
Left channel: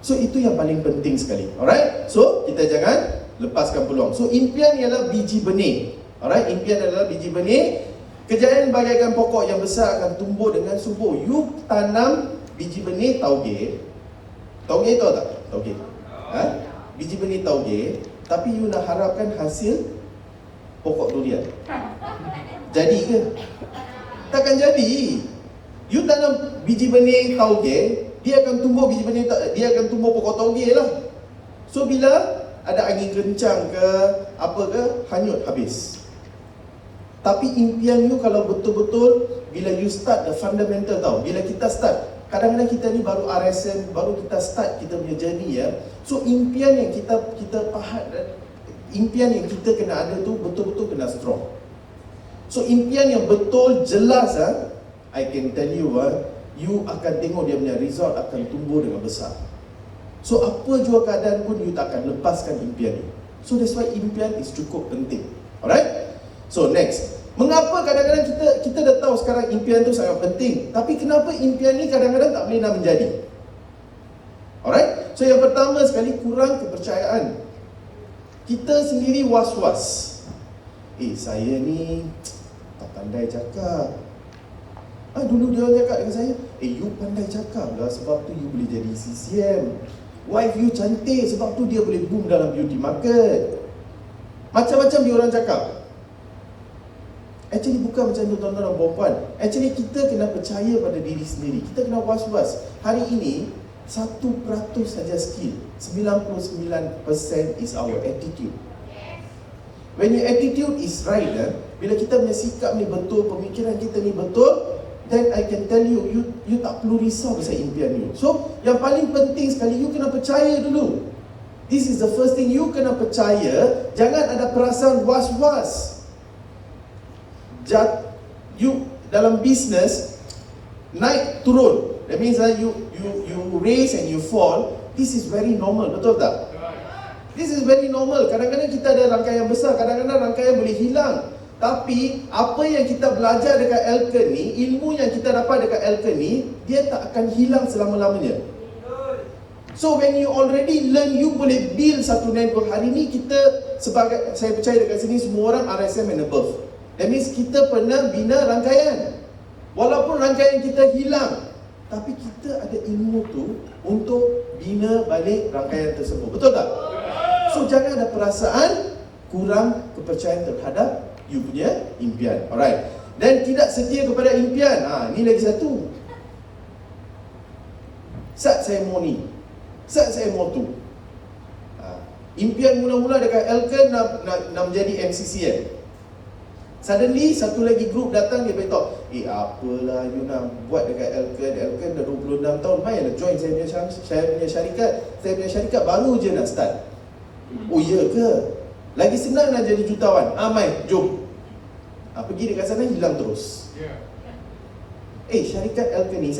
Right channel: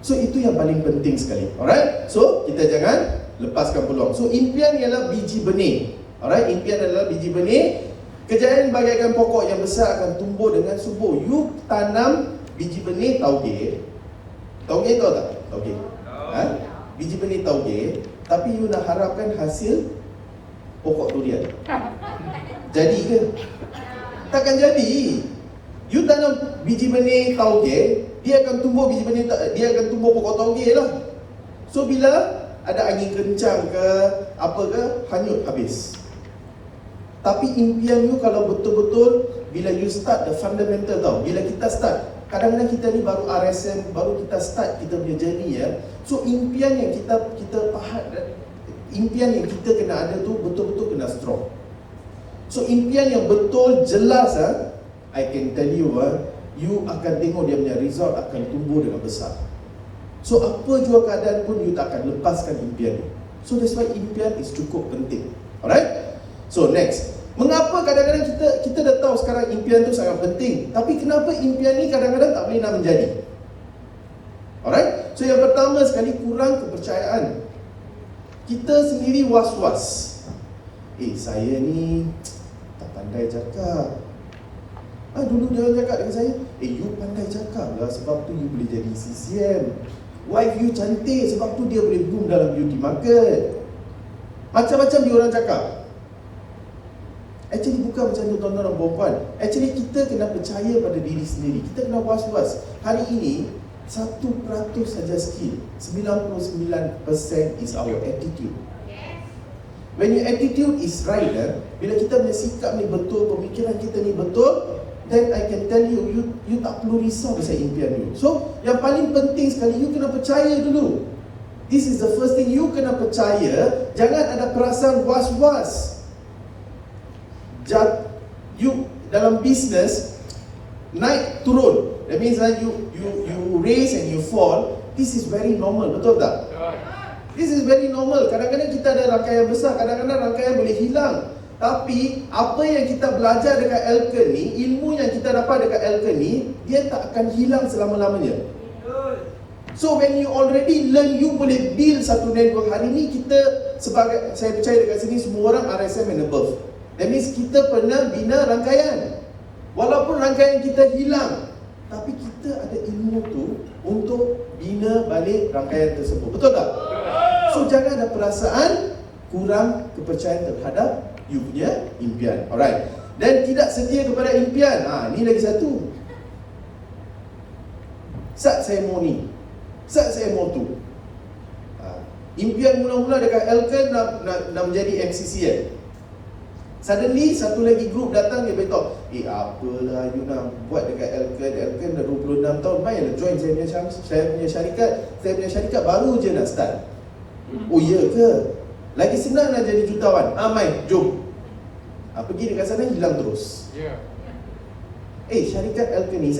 So itu yang paling penting sekali. Alright? So kita jangan lepaskan peluang. So impian ialah biji benih. Alright? Impian adalah biji benih. Kejayaan bagaikan pokok yang besar akan tumbuh dengan subur. You tanam biji benih tauge. Tauge tahu tak? Tauge. Biji benih tauge, tapi you nak harapkan hasil pokok durian. Jadi ke? Takkan jadi. You tanam biji benih tauge, dia akan tumbuh biji benih, dia akan tumbuh pokok tauge lah. So bila ada angin kencang ke apa ke, hanyut habis. Tapi impian you kalau betul-betul, bila you start the fundamental tau. Bila kita start, kadang-kadang kita ni baru RSM, baru kita start kita punya journey ya. So impian yang kita faham, impian yang kita kena ada tu betul-betul kena strong. So impian yang betul jelas I can tell you you akan tengok dia punya result akan tumbuh dengan besar. So apa jua keadaan pun you tak akan lepaskan impian you. So that's why impian is cukup penting. Alright? So next, mengapa kadang-kadang kita dah tahu sekarang impian tu sangat penting, tapi kenapa impian ni kadang-kadang tak boleh nak menjadi? Alright? So yang pertama sekali, kurang kepercayaan. Kita sendiri was-was. Saya ni tak pandai cakap. Dulu dia orang cakap dengan saya, you pandai cakap lah, sebab tu you boleh jadi CCM. Wife you cantik, sebab tu dia boleh boom dalam beauty market. Macam-macam dia orang cakap. Actually bukan macam tu tuan-tuan dan puan-puan. Actually kita kena percaya pada diri sendiri. Kita kena was-was. Hari ini 1% saja skill, 99% is our attitude. When your attitude is right, bila kita punya sikap ni betul, pemikiran kita ni betul, then I can tell you, you tak perlu risau pasal impian you. So yang paling penting sekali, you kena percaya dulu. This is the first thing you kena percaya. Jangan ada perasaan was-was. You dalam bisnes naik turun. That means that you raise and you fall. This is very normal, betul tak? This is very normal. Kadang-kadang kita ada rangkaian besar, kadang-kadang rangkaian boleh hilang. Tapi apa yang kita belajar dekat Elken ni, ilmu yang kita dapat dekat Elken ni, dia tak akan hilang selama-lamanya. So when you already learn, you boleh build satu network. Hari ni kita sebagai, saya percaya dekat sini semua orang RSM and above. That means kita pernah bina rangkaian. Walaupun rangkaian kita hilang, tapi kita ada ilmu tu untuk bina balik rangkaian tersebut. Betul tak? So jangan ada perasaan kurang kepercayaan terhadap you punya impian. Alright. Dan tidak setia kepada impian. Ni lagi satu. Sat saya mau ni, sat saya mau tu. Impian mula-mula dekat Elken nak menjadi MCCN. Suddenly satu lagi group datang, dia beritahu, apalah you nak buat dekat Elken dah 26 tahun, mainlah join saya punya syarikat. Saya punya syarikat baru je nak start. Oh iya ke? Lagi senang nak jadi jutawan. Mai, jom. Pergi dekat sana, hilang terus. Syarikat Elken ni,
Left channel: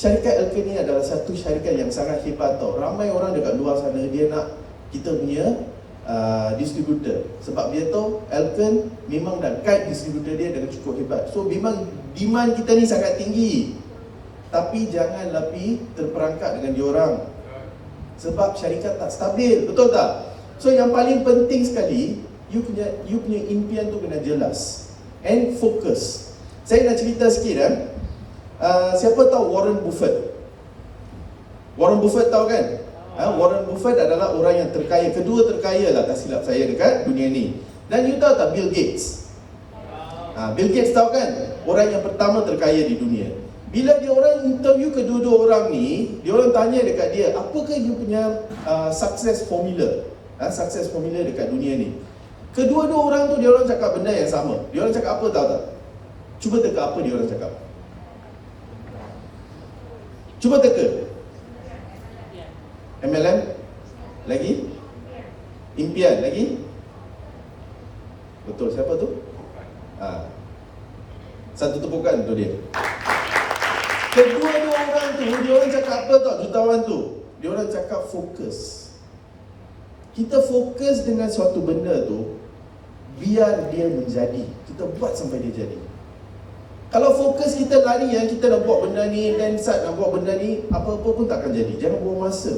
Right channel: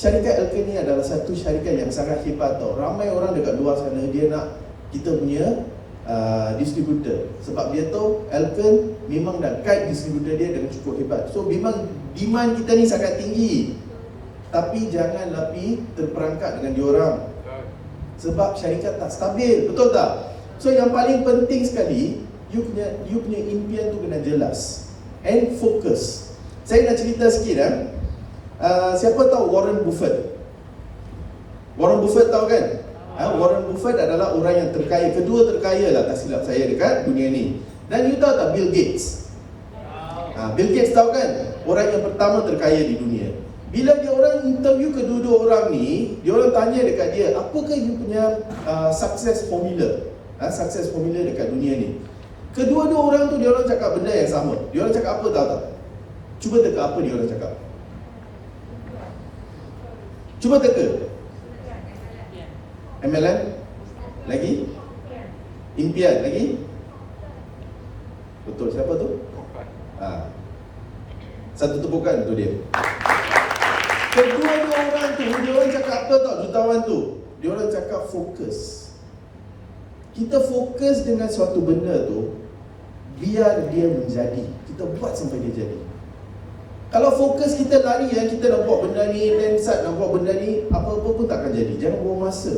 syarikat Elken ni adalah satu syarikat yang sangat hebat tau. Ramai orang dekat luar sana, dia nak kita punya distributor. Sebab dia tahu Elken memang dah guide distributor dia dengan cukup hebat. So memang demand kita ni sangat tinggi. Tapi jangan lapi terperangkap dengan diorang. Sebab syarikat tak stabil, betul tak? So yang paling penting sekali, you punya impian tu kena jelas and fokus. Saya nak cerita sikit siapa tahu Warren Buffett? Warren Buffett tahu kan? Warren Buffett adalah orang yang terkaya, kedua terkaya lah tak silap saya dekat dunia ni. Dan you tahu tak Bill Gates? Bill Gates tahu kan? Orang yang pertama terkaya di dunia. Bila dia orang interview kedua-dua orang ni, dia orang tanya dekat dia, apakah you punya success formula? Success formula dekat dunia ni. Kedua-dua orang tu dia orang cakap benda yang sama. Dia orang cakap apa tahu tak? Cuba teka apa dia orang cakap. Cuba teka. MLM? Lagi? Impian? Lagi? Betul, siapa tu? Satu tepukan untuk dia. Kedua-dua orang tu, dia orang cakap apa tau jutawan tu? Dia orang cakap fokus. Kita fokus dengan suatu benda tu, biar dia menjadi. Kita buat sampai dia jadi. Kalau fokus kita lari yang kita nak buat benda ni, dan saat nak buat benda ni, apa-apa pun tak akan jadi. Jangan buang masa.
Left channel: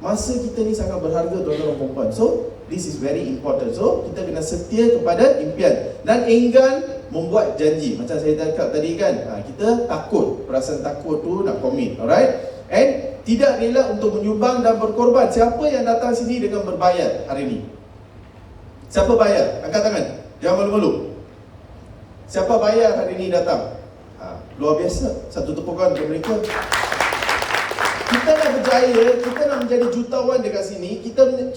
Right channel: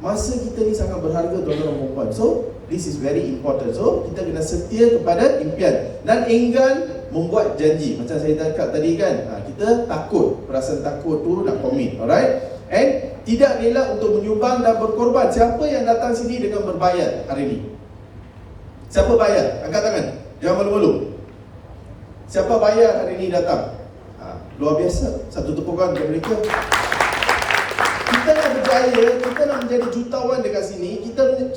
Masa kita ni sangat berharga tuan-tuan dan puan-puan. So, this is very important. So, kita kena setia kepada impian dan enggan membuat janji. Macam saya cakap tadi kan, kita takut, perasaan takut tu nak commit. Alright? And tidak rela untuk menyumbang dan berkorban. Siapa yang datang sini dengan berbayar hari ini? Siapa bayar? Angkat tangan. Jangan malu-malu. Siapa bayar hari ini datang? Luar biasa. Satu tepukan untuk mereka. Kita nak berjaya, kita nak menjadi jutawan dekat sini,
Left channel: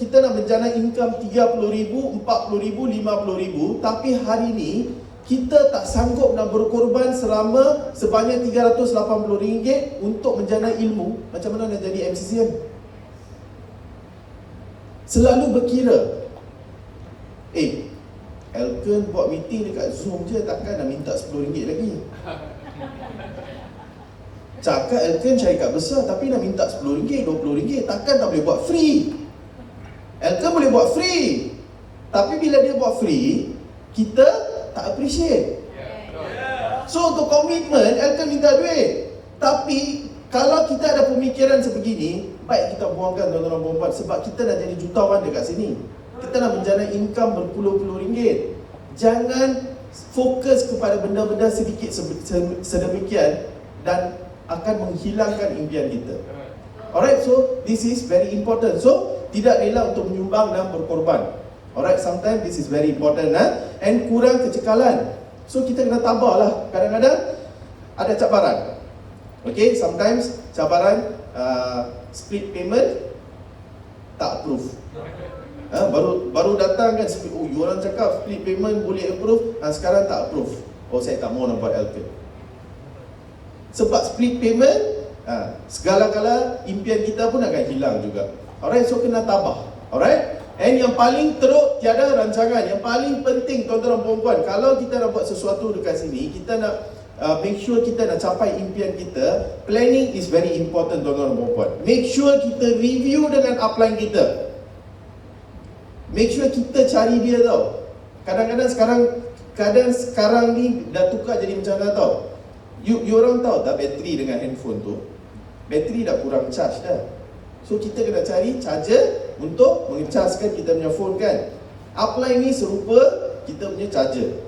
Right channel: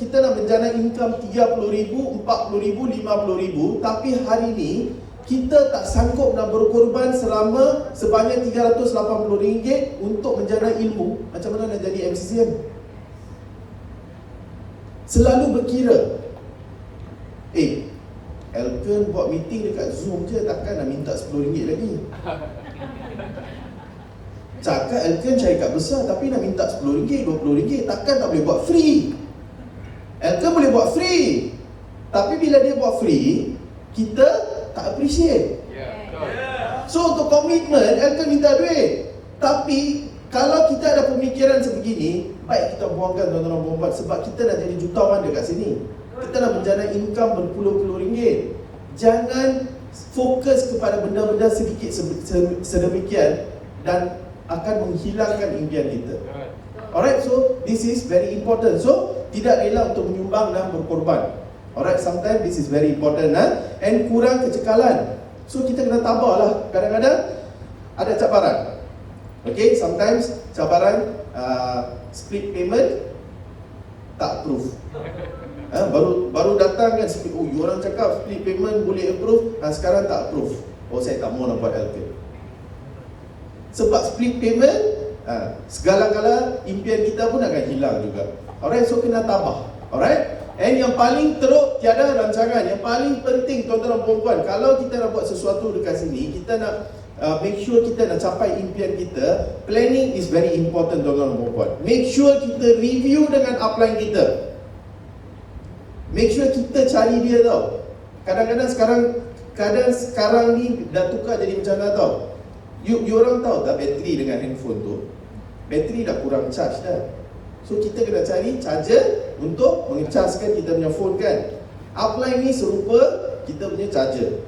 kita nak menjana income 30,000, 40,000, 50,000, tapi hari ini kita tak sanggup nak berkorban selama sebanyak RM380 untuk menjana ilmu. Macam mana nak jadi MCCN? Selalu berkira, Elken buat meeting dekat Zoom je, takkan nak minta RM10 lagi. Cakap Elken syarikat besar, tapi nak minta RM10, RM20, takkan tak boleh buat free. Elken boleh buat free, tapi bila dia buat free, kita tak appreciate. So untuk komitmen, Elken minta duit. Tapi kalau kita ada pemikiran sebegini, baik kita buangkan tuan-tuan dan puan-puan. Sebab kita nak jadi jutawan dekat sini, kita nak menjana income berpuluh-puluh ringgit. Jangan fokus kepada benda-benda sedikit sedemikian dan akan menghilangkan impian kita. Alright, so this is very important. So tidak rela untuk menyumbang dan berkorban. Alright, sometimes this is very important. And kurang kecekalan. So kita kena tabahlah. Kadang-kadang ada cabaran. Okay, sometimes cabaran split payment tak approve. Baru datang kan, orang cakap split payment boleh approve, sekarang tak approve. Saya tak mau nak buat LP. Sebab split payment Segala-gala impian kita pun akan hilang juga. Alright, so kena tabah. Alright. And yang paling teruk, tiada rancangan. Yang paling penting tuan-tuan dan puan-puan, kalau kita nak buat sesuatu dekat sini, kita nak make sure kita nak capai impian kita. Planning is very important tuan-tuan dan puan-puan. Make sure kita review dengan upline kita. Make sure kita cari dia tau. Kadang-kadang sekarang ni dah tukar jadi macam mana tau. You orang tahu tak bateri dengan handphone tu, bateri dah kurang charge dah. So kita kena cari charger untuk mengecaskan kita punya phone kan. Upline ni serupa kita punya charger.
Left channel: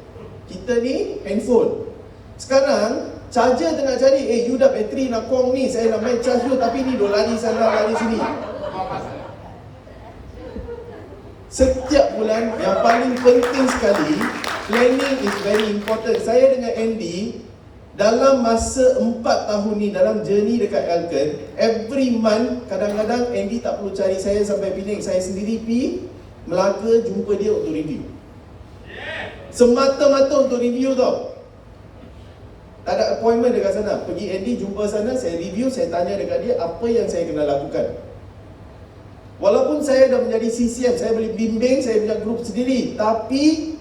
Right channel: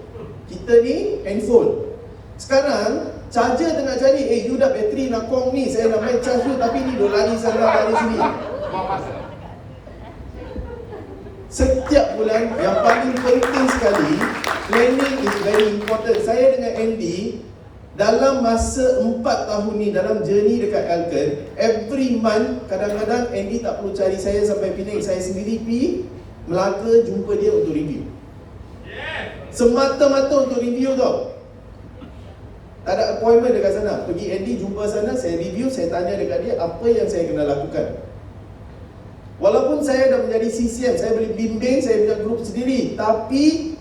Kita ni handphone. Sekarang charger tengah cari, you dah bateri nak kong ni, saya nak main charge tu, tapi ni dah lari sana lari sini. Setiap bulan yang paling penting sekali, planning is very important. Saya dengan Andy dalam masa 4 tahun ni, dalam journey dekat Alken, every month, kadang-kadang Andy tak perlu cari saya sampai Penang, saya sendiri pergi Melaka jumpa dia untuk review. Semata-mata untuk review tau. Tak ada appointment dekat sana. Pergi Andy jumpa sana, saya review, saya tanya dekat dia apa yang saya kena lakukan. Walaupun saya dah menjadi CCM, saya boleh bimbing, saya punya grup sendiri, tapi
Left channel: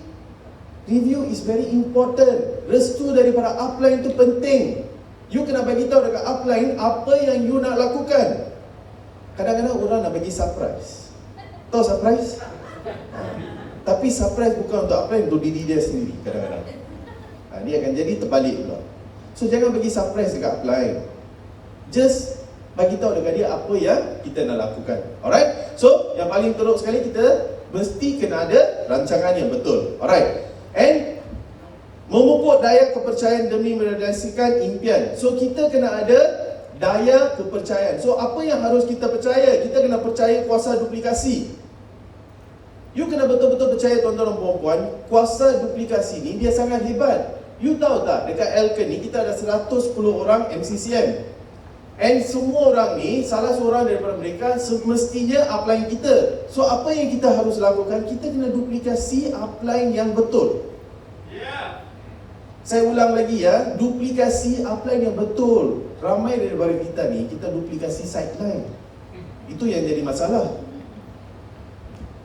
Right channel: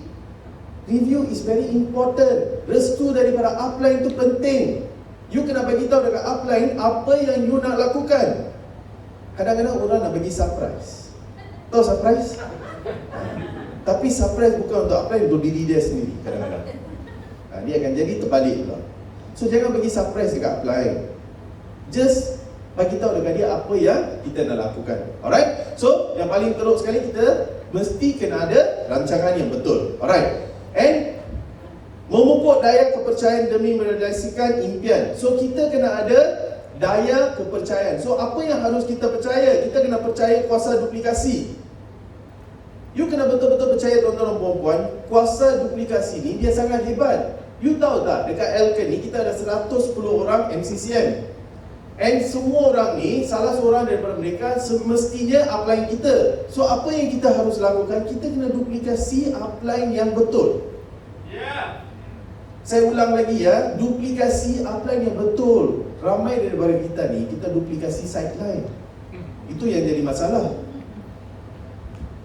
review is very important. Restu daripada upline itu penting. You kena bagi tahu dekat upline apa yang you nak lakukan. Kadang-kadang orang nak bagi surprise. Tahu surprise? Tapi surprise bukan untuk upline, untuk diri dia sendiri kadang-kadang. Dia akan jadi terbalik juga. So jangan bagi surprise dekat upline. Just bagi tahu dekat dia apa yang kita nak lakukan. Alright? So yang paling teruk sekali, kita mesti kena ada rancangan yang betul. Alright? And memupuk daya kepercayaan demi merealisasikan impian. So kita kena ada daya kepercayaan. So apa yang harus kita percaya? Kita kena percaya kuasa duplikasi. You kena betul-betul percaya tuan-tuan dan puan-puan, kuasa duplikasi ni dia sangat hebat. You tahu tak, dekat Alken ni kita ada 110 orang MCCM. And semua orang ni, salah seorang daripada mereka semestinya upline kita. So apa yang kita harus lakukan? Kita kena duplikasi upline yang betul. Saya ulang lagi ya, duplikasi upline yang betul. Ramai daripada kita ni, kita duplikasi sideline. Itu yang jadi masalah.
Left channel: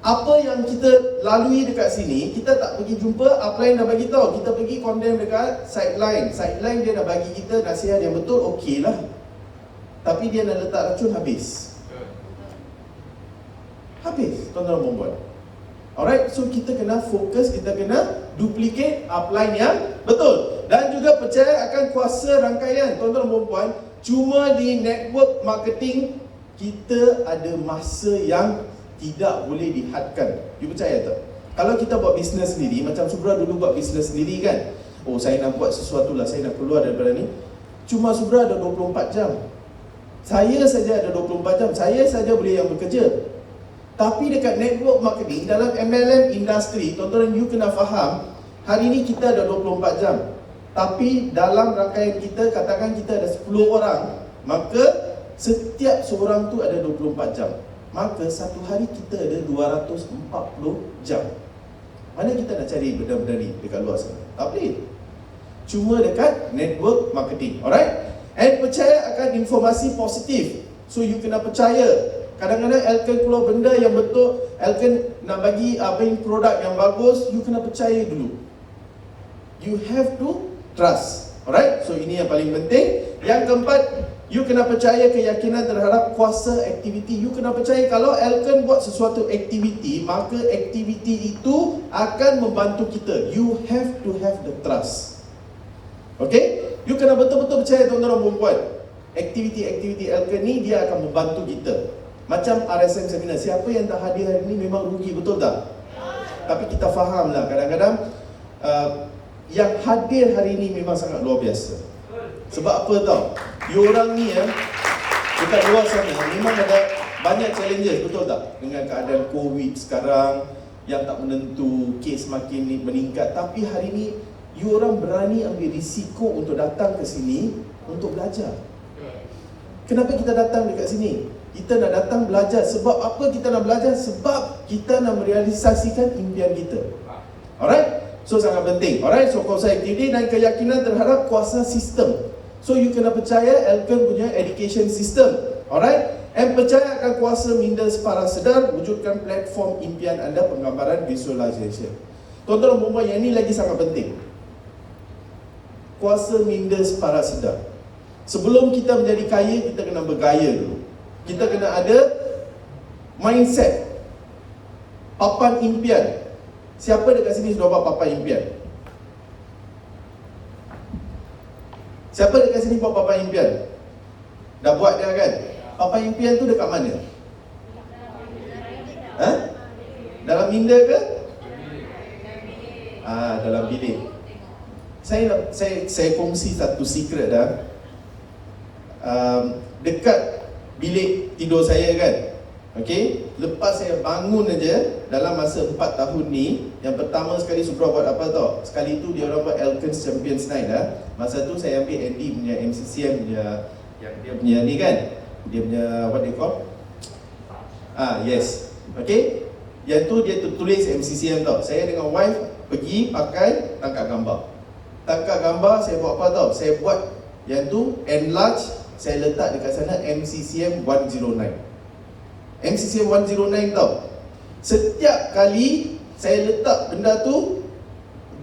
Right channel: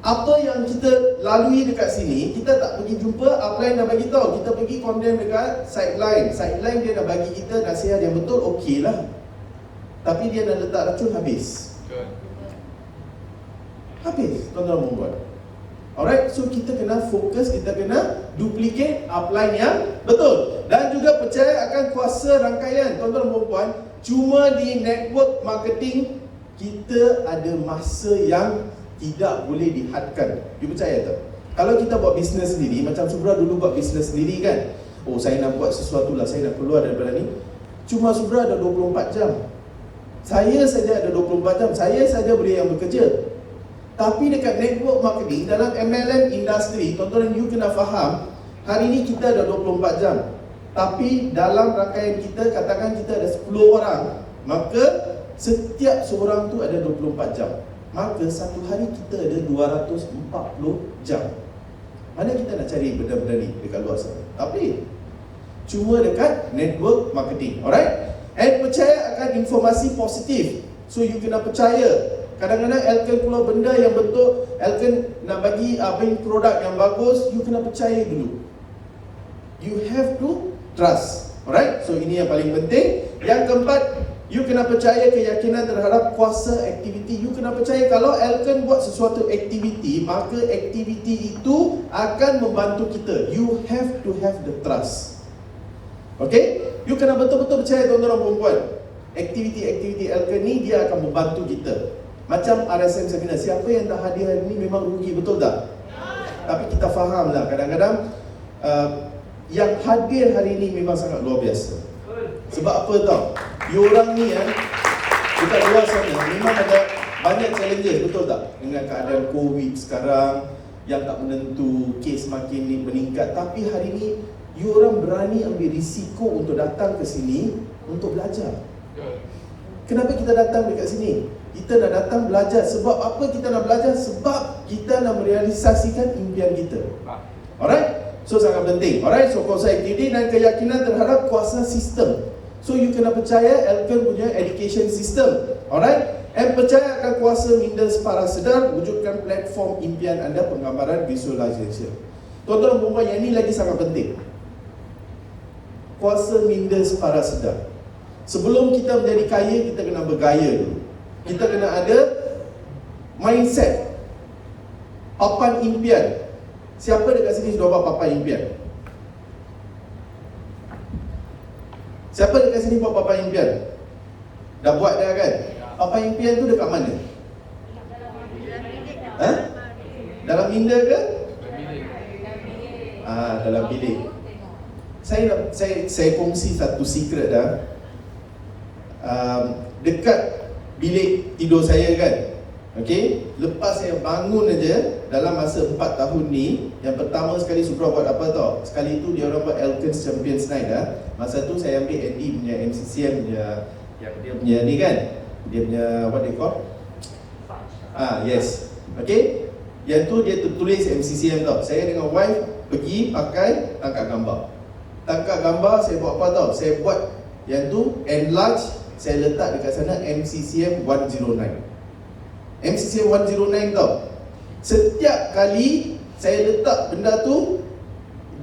Apa yang kita lalui dekat sini, kita tak pergi jumpa, upline dah bagi tahu. Kita pergi condemn dekat sideline. Sideline dia dah bagi kita nasihat yang betul, okey lah. Tapi dia dah letak racun, habis. Habis, tuan-tuan membuat. Alright, so kita kena fokus, kita kena duplicate upline yang betul. Dan juga percaya akan kuasa rangkaian. Tuan-tuan dan puan, cuma di network marketing, kita ada masa yang tidak boleh dihadkan. You percaya tak? Kalau kita buat bisnes sendiri, macam Subra dulu buat bisnes sendiri kan, oh saya nak buat sesuatu lah, saya nak keluar daripada ni. Cuma Subra ada 24 jam. Saya saja ada 24 jam, saya saja boleh yang bekerja. Tapi dekat network marketing, dalam MLM industri, tuan-tuan you kena faham, hari ni kita ada 24 jam. Tapi dalam rangkaian kita, katakan kita ada 10 orang, maka setiap seorang tu ada 24 jam. Maka satu hari kita ada 240 jam. Mana kita nak cari benda-benda ni dekat luar sana? Tapi cuma dekat network marketing. Alright? And percaya akan informasi positif. So you kena percaya. Kadang-kadang Alken keluar benda yang betul, Alken nak bagi produk yang bagus, you kena percaya dulu. You have to trust. Alright? So ini yang paling penting. Yang keempat, you kena percaya keyakinan terhadap kuasa aktiviti. You kena percaya kalau Alken buat sesuatu aktiviti, maka aktiviti itu akan membantu kita. You have to have the trust. Okay? You kena betul-betul percaya tuan-tuan dan puan-puan. Aktiviti-aktiviti Alken ni dia akan membantu kita. Macam RSM seminar, siapa yang tak hadir hari ni memang rugi, betul tak? Tapi kita faham lah, kadang-kadang yang hadir hari ni memang sangat luar biasa. Sebab apa tau? Diorang ni dekat luar sana memang ada banyak challenges, betul tak? Dengan keadaan COVID sekarang yang tak menentu, kes makin meningkat. Tapi hari ni diorang berani ambil risiko untuk datang ke sini untuk belajar. Kenapa kita datang dekat sini? Kita nak datang belajar. Sebab apa kita nak belajar? Sebab kita nak merealisasikan impian kita. Alright? So sangat penting. Alright? So kuasa aktiviti dan keyakinan terhadap kuasa sistem. So you kena percaya Elkon punya education system. Alright? And percaya akan kuasa minda separa sedar, wujudkan platform impian anda penggambaran visualization. Tuan-tuan dan puan-puan, yang ini lagi sangat penting. Kuasa minda separa sedar. Sebelum kita menjadi kaya, kita kena bergaya dulu. Kita kena ada mindset, papan impian. Siapa dekat sini sudah buat papan impian? Siapa dekat sini buat papan impian? Dah buat dah kan? Papan impian tu dekat mana? Dalam minda ke? Dalam bilik. Saya kongsi satu secret dah. Dekat bilik tidur saya kan, okey, lepas saya bangun aja dalam masa 4 tahun ni, yang pertama sekali Supra buat apa tau? Sekali tu dia orang buat Elkins Champions Night dah. Masa tu saya ambil Andy punya MCCM punya, yang dia punya ni kan, dia punya what they call? Yes. Okey. Yang tu dia tulis MCCM tau. Saya dengan wife pergi pakai tangkap gambar. Tangkap gambar saya buat apa tau? Saya buat yang tu enlarge, saya letak dekat sana MCCM 109. MCCM 109 tau. Setiap kali saya letak benda tu,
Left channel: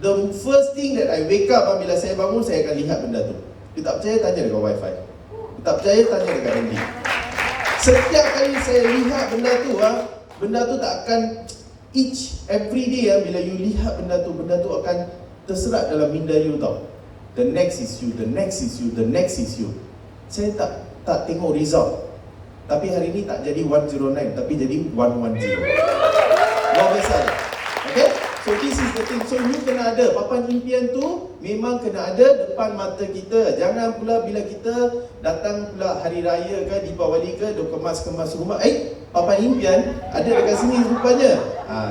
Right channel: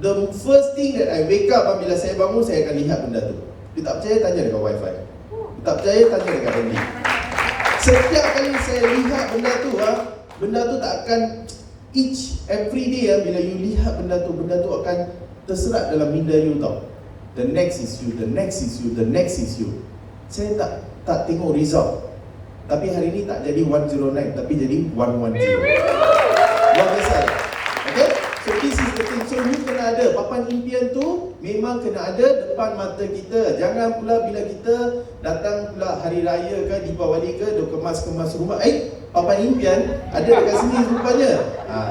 the first thing that I wake up bila saya bangun, saya akan lihat benda tu. Dia tak percaya, tanya dekat wifi. Dia tak percaya, tanya dekat Andy. Setiap kali saya lihat benda tu tak akan every day bila you lihat benda tu akan terserat dalam minda you tau. The next is you, the next is you, the next is you. Saya tak tengok result. Tapi hari ni tak jadi 109, tapi jadi 110. Luar biasa. Okay? So this is the thing. So you kena ada papan impian tu, memang kena ada depan mata kita. Jangan pula bila kita datang pula hari raya ke, Deepawali ke, dia kemas-kemas rumah. Papan impian ada dekat sini rupanya.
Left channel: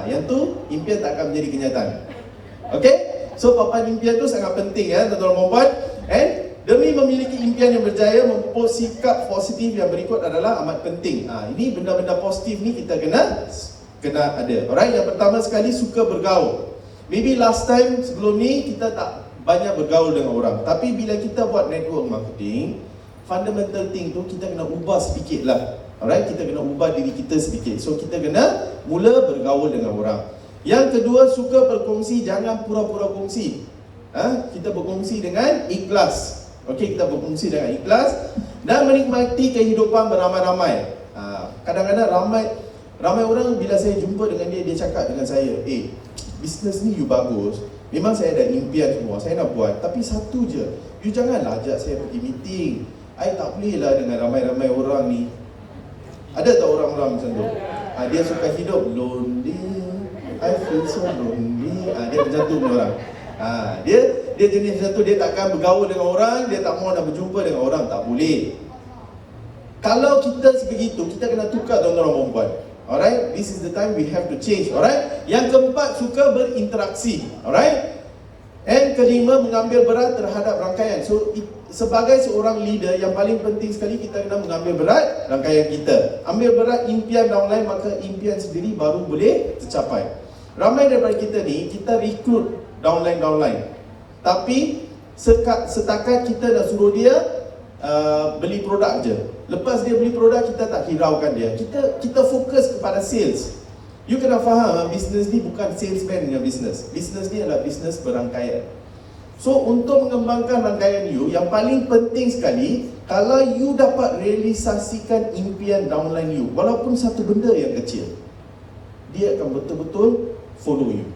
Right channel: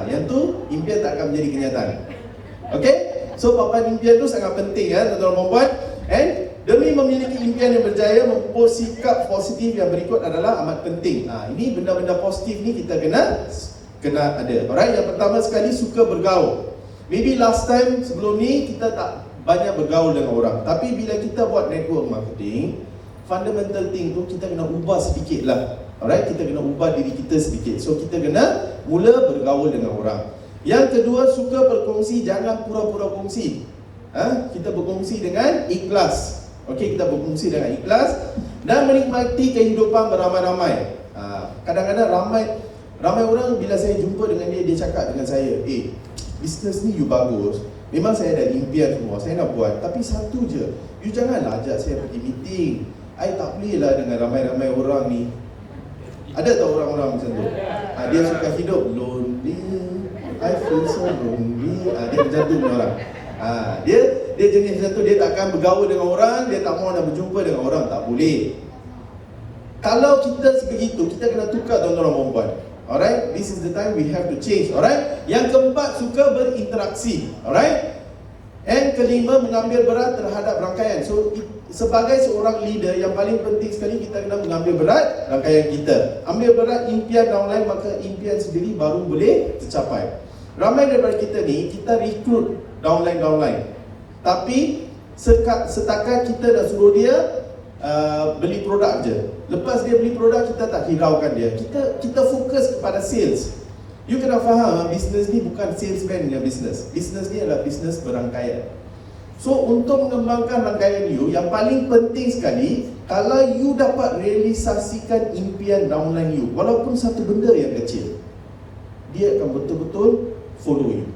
Yang tu impian tak akan menjadi kenyataan. Okay? So papan impian tu sangat penting ya, tuan-tuan dan puan-puan. And demi memiliki impian yang berjaya, mempunyai sikap positif yang berikut adalah amat penting. Ini benda-benda positif ni kita kena ada. Alright, yang pertama sekali suka bergaul. Maybe last time sebelum ni kita tak banyak bergaul dengan orang. Tapi bila kita buat network marketing, fundamental thing tu kita kena ubah sedikit lah. Alright, kita kena ubah diri kita sedikit. So kita kena mula bergaul dengan orang. Yang kedua, suka berkongsi, jangan pura-pura kongsi. Kita berkongsi dengan ikhlas. Okey, kita berkongsi dengan ikhlas dan menikmati kehidupan beramai-ramai. Kadang-kadang ramai orang bila saya jumpa dengan dia cakap dengan saya, bisnes ni you bagus. Memang saya ada impian semua, saya nak buat. Tapi satu je, you janganlah ajak saya pergi meeting. I tak boleh lah dengan ramai-ramai orang ni. Ada tak orang-orang macam tu? Dia suka hidup lonely, I feel so lonely. Dia macam tu orang. Dia jenis macam tu, dia takkan bergaul dengan orang, dia tak mahu nak berjumpa dengan orang, tak boleh. Kalau kita sebegitu, kita kena tukar tuan-tuan dan puan-puan. Alright, this is the time we have to change. Alright, yang keempat, suka berinteraksi. Alright, and kelima, mengambil berat terhadap rangkaian. So sebagai seorang leader, yang paling penting sekali kita kena mengambil berat rangkaian kita. Ambil berat impian downline, maka impian sendiri baru boleh tercapai. Ramai daripada kita ni, kita rekrut downline. Tapi setakat kita dah suruh dia beli produk je. Lepas dia beli produk, kita tak hiraukan dia. Kita fokus kepada sales. You kena faham, bisnes ni bukan salesman dengan bisnes. Bisnes ni adalah bisnes berangkaian. So untuk mengembangkan rangkaian you, yang paling penting sekali, kalau you dapat realisasikan impian downline you, walaupun satu benda yang kecil, dia akan betul-betul follow you.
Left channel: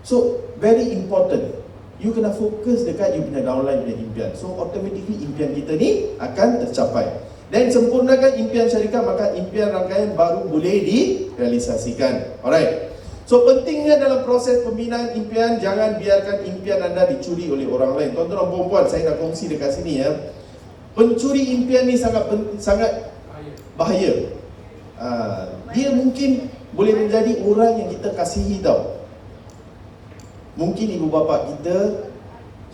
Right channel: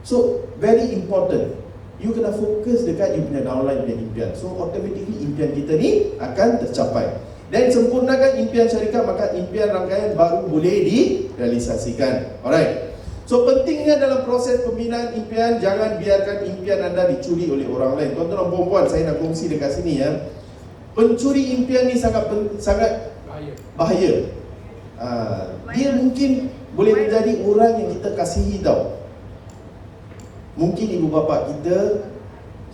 So very important, you kena fokus dekat you punya downline punya impian. So automatically impian kita ni akan tercapai. Dan sempurnakan impian syarikat, maka impian rangkaian baru boleh direalisasikan. Alright. So pentingnya dalam proses pembinaan impian, jangan biarkan impian anda dicuri oleh orang lain. Tuan-tuan dan puan-puan, saya nak kongsi dekat sini ya. Pencuri impian ni sangat bahaya. Dia mungkin boleh menjadi orang yang kita kasihi tau. Mungkin ibu bapa kita,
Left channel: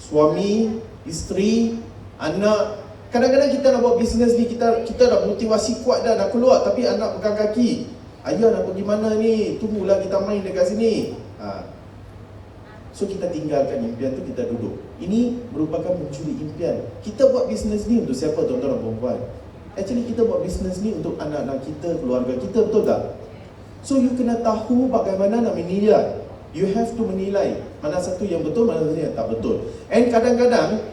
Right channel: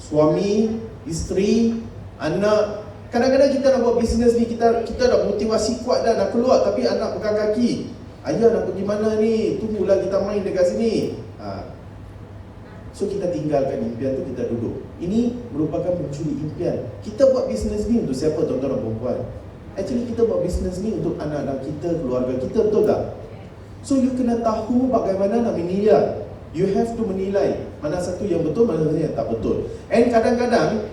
suami, isteri, anak. Kadang-kadang kita nak buat bisnes ni, kita dah motivasi kuat dah nak keluar, tapi anak pegang kaki. Ayah nak pergi mana ni? Tunggulah kita main dekat sini. So kita tinggalkan impian tu, kita duduk. ini merupakan mencuri impian. Kita buat bisnes ni untuk siapa, tuan-tuan dan puan-puan? Actually kita buat bisnes ni untuk anak-anak kita, keluarga kita, betul tak? So you kena tahu bagaimana nak menilai. You have to menilai mana satu yang betul, mana satu yang tak betul. And kadang-kadang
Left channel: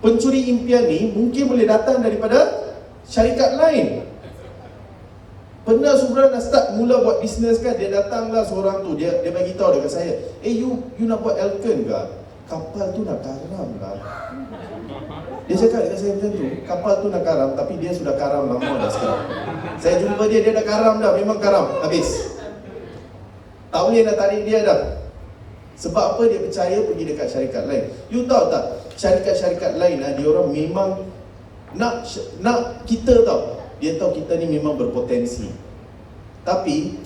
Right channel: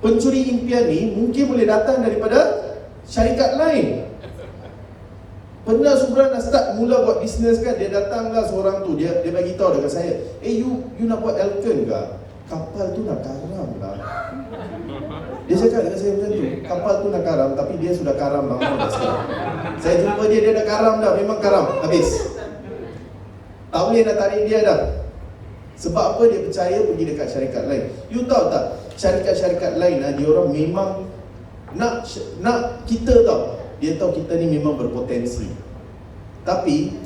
pencuri impian ni mungkin boleh datang daripada syarikat lain. Pernah seorang dah start mula buat bisnes kan, dia datanglah seorang tu, dia bagi tahu dekat saya, you nak buat Elkan ke? Kapal tu nak karam lah. Dia cakap dekat saya macam tu, kapal tu nak karam, tapi dia sudah karam lama dah sekarang. Saya jumpa dia dah karam dah, memang karam, habis. Tak boleh nak tarik dia dah. Sebab apa? Dia percaya pergi dekat syarikat lain. You tahu tak, syarikat-syarikat lain dia orang memang nak kita tahu. Dia tahu kita ni memang berpotensi. Tapi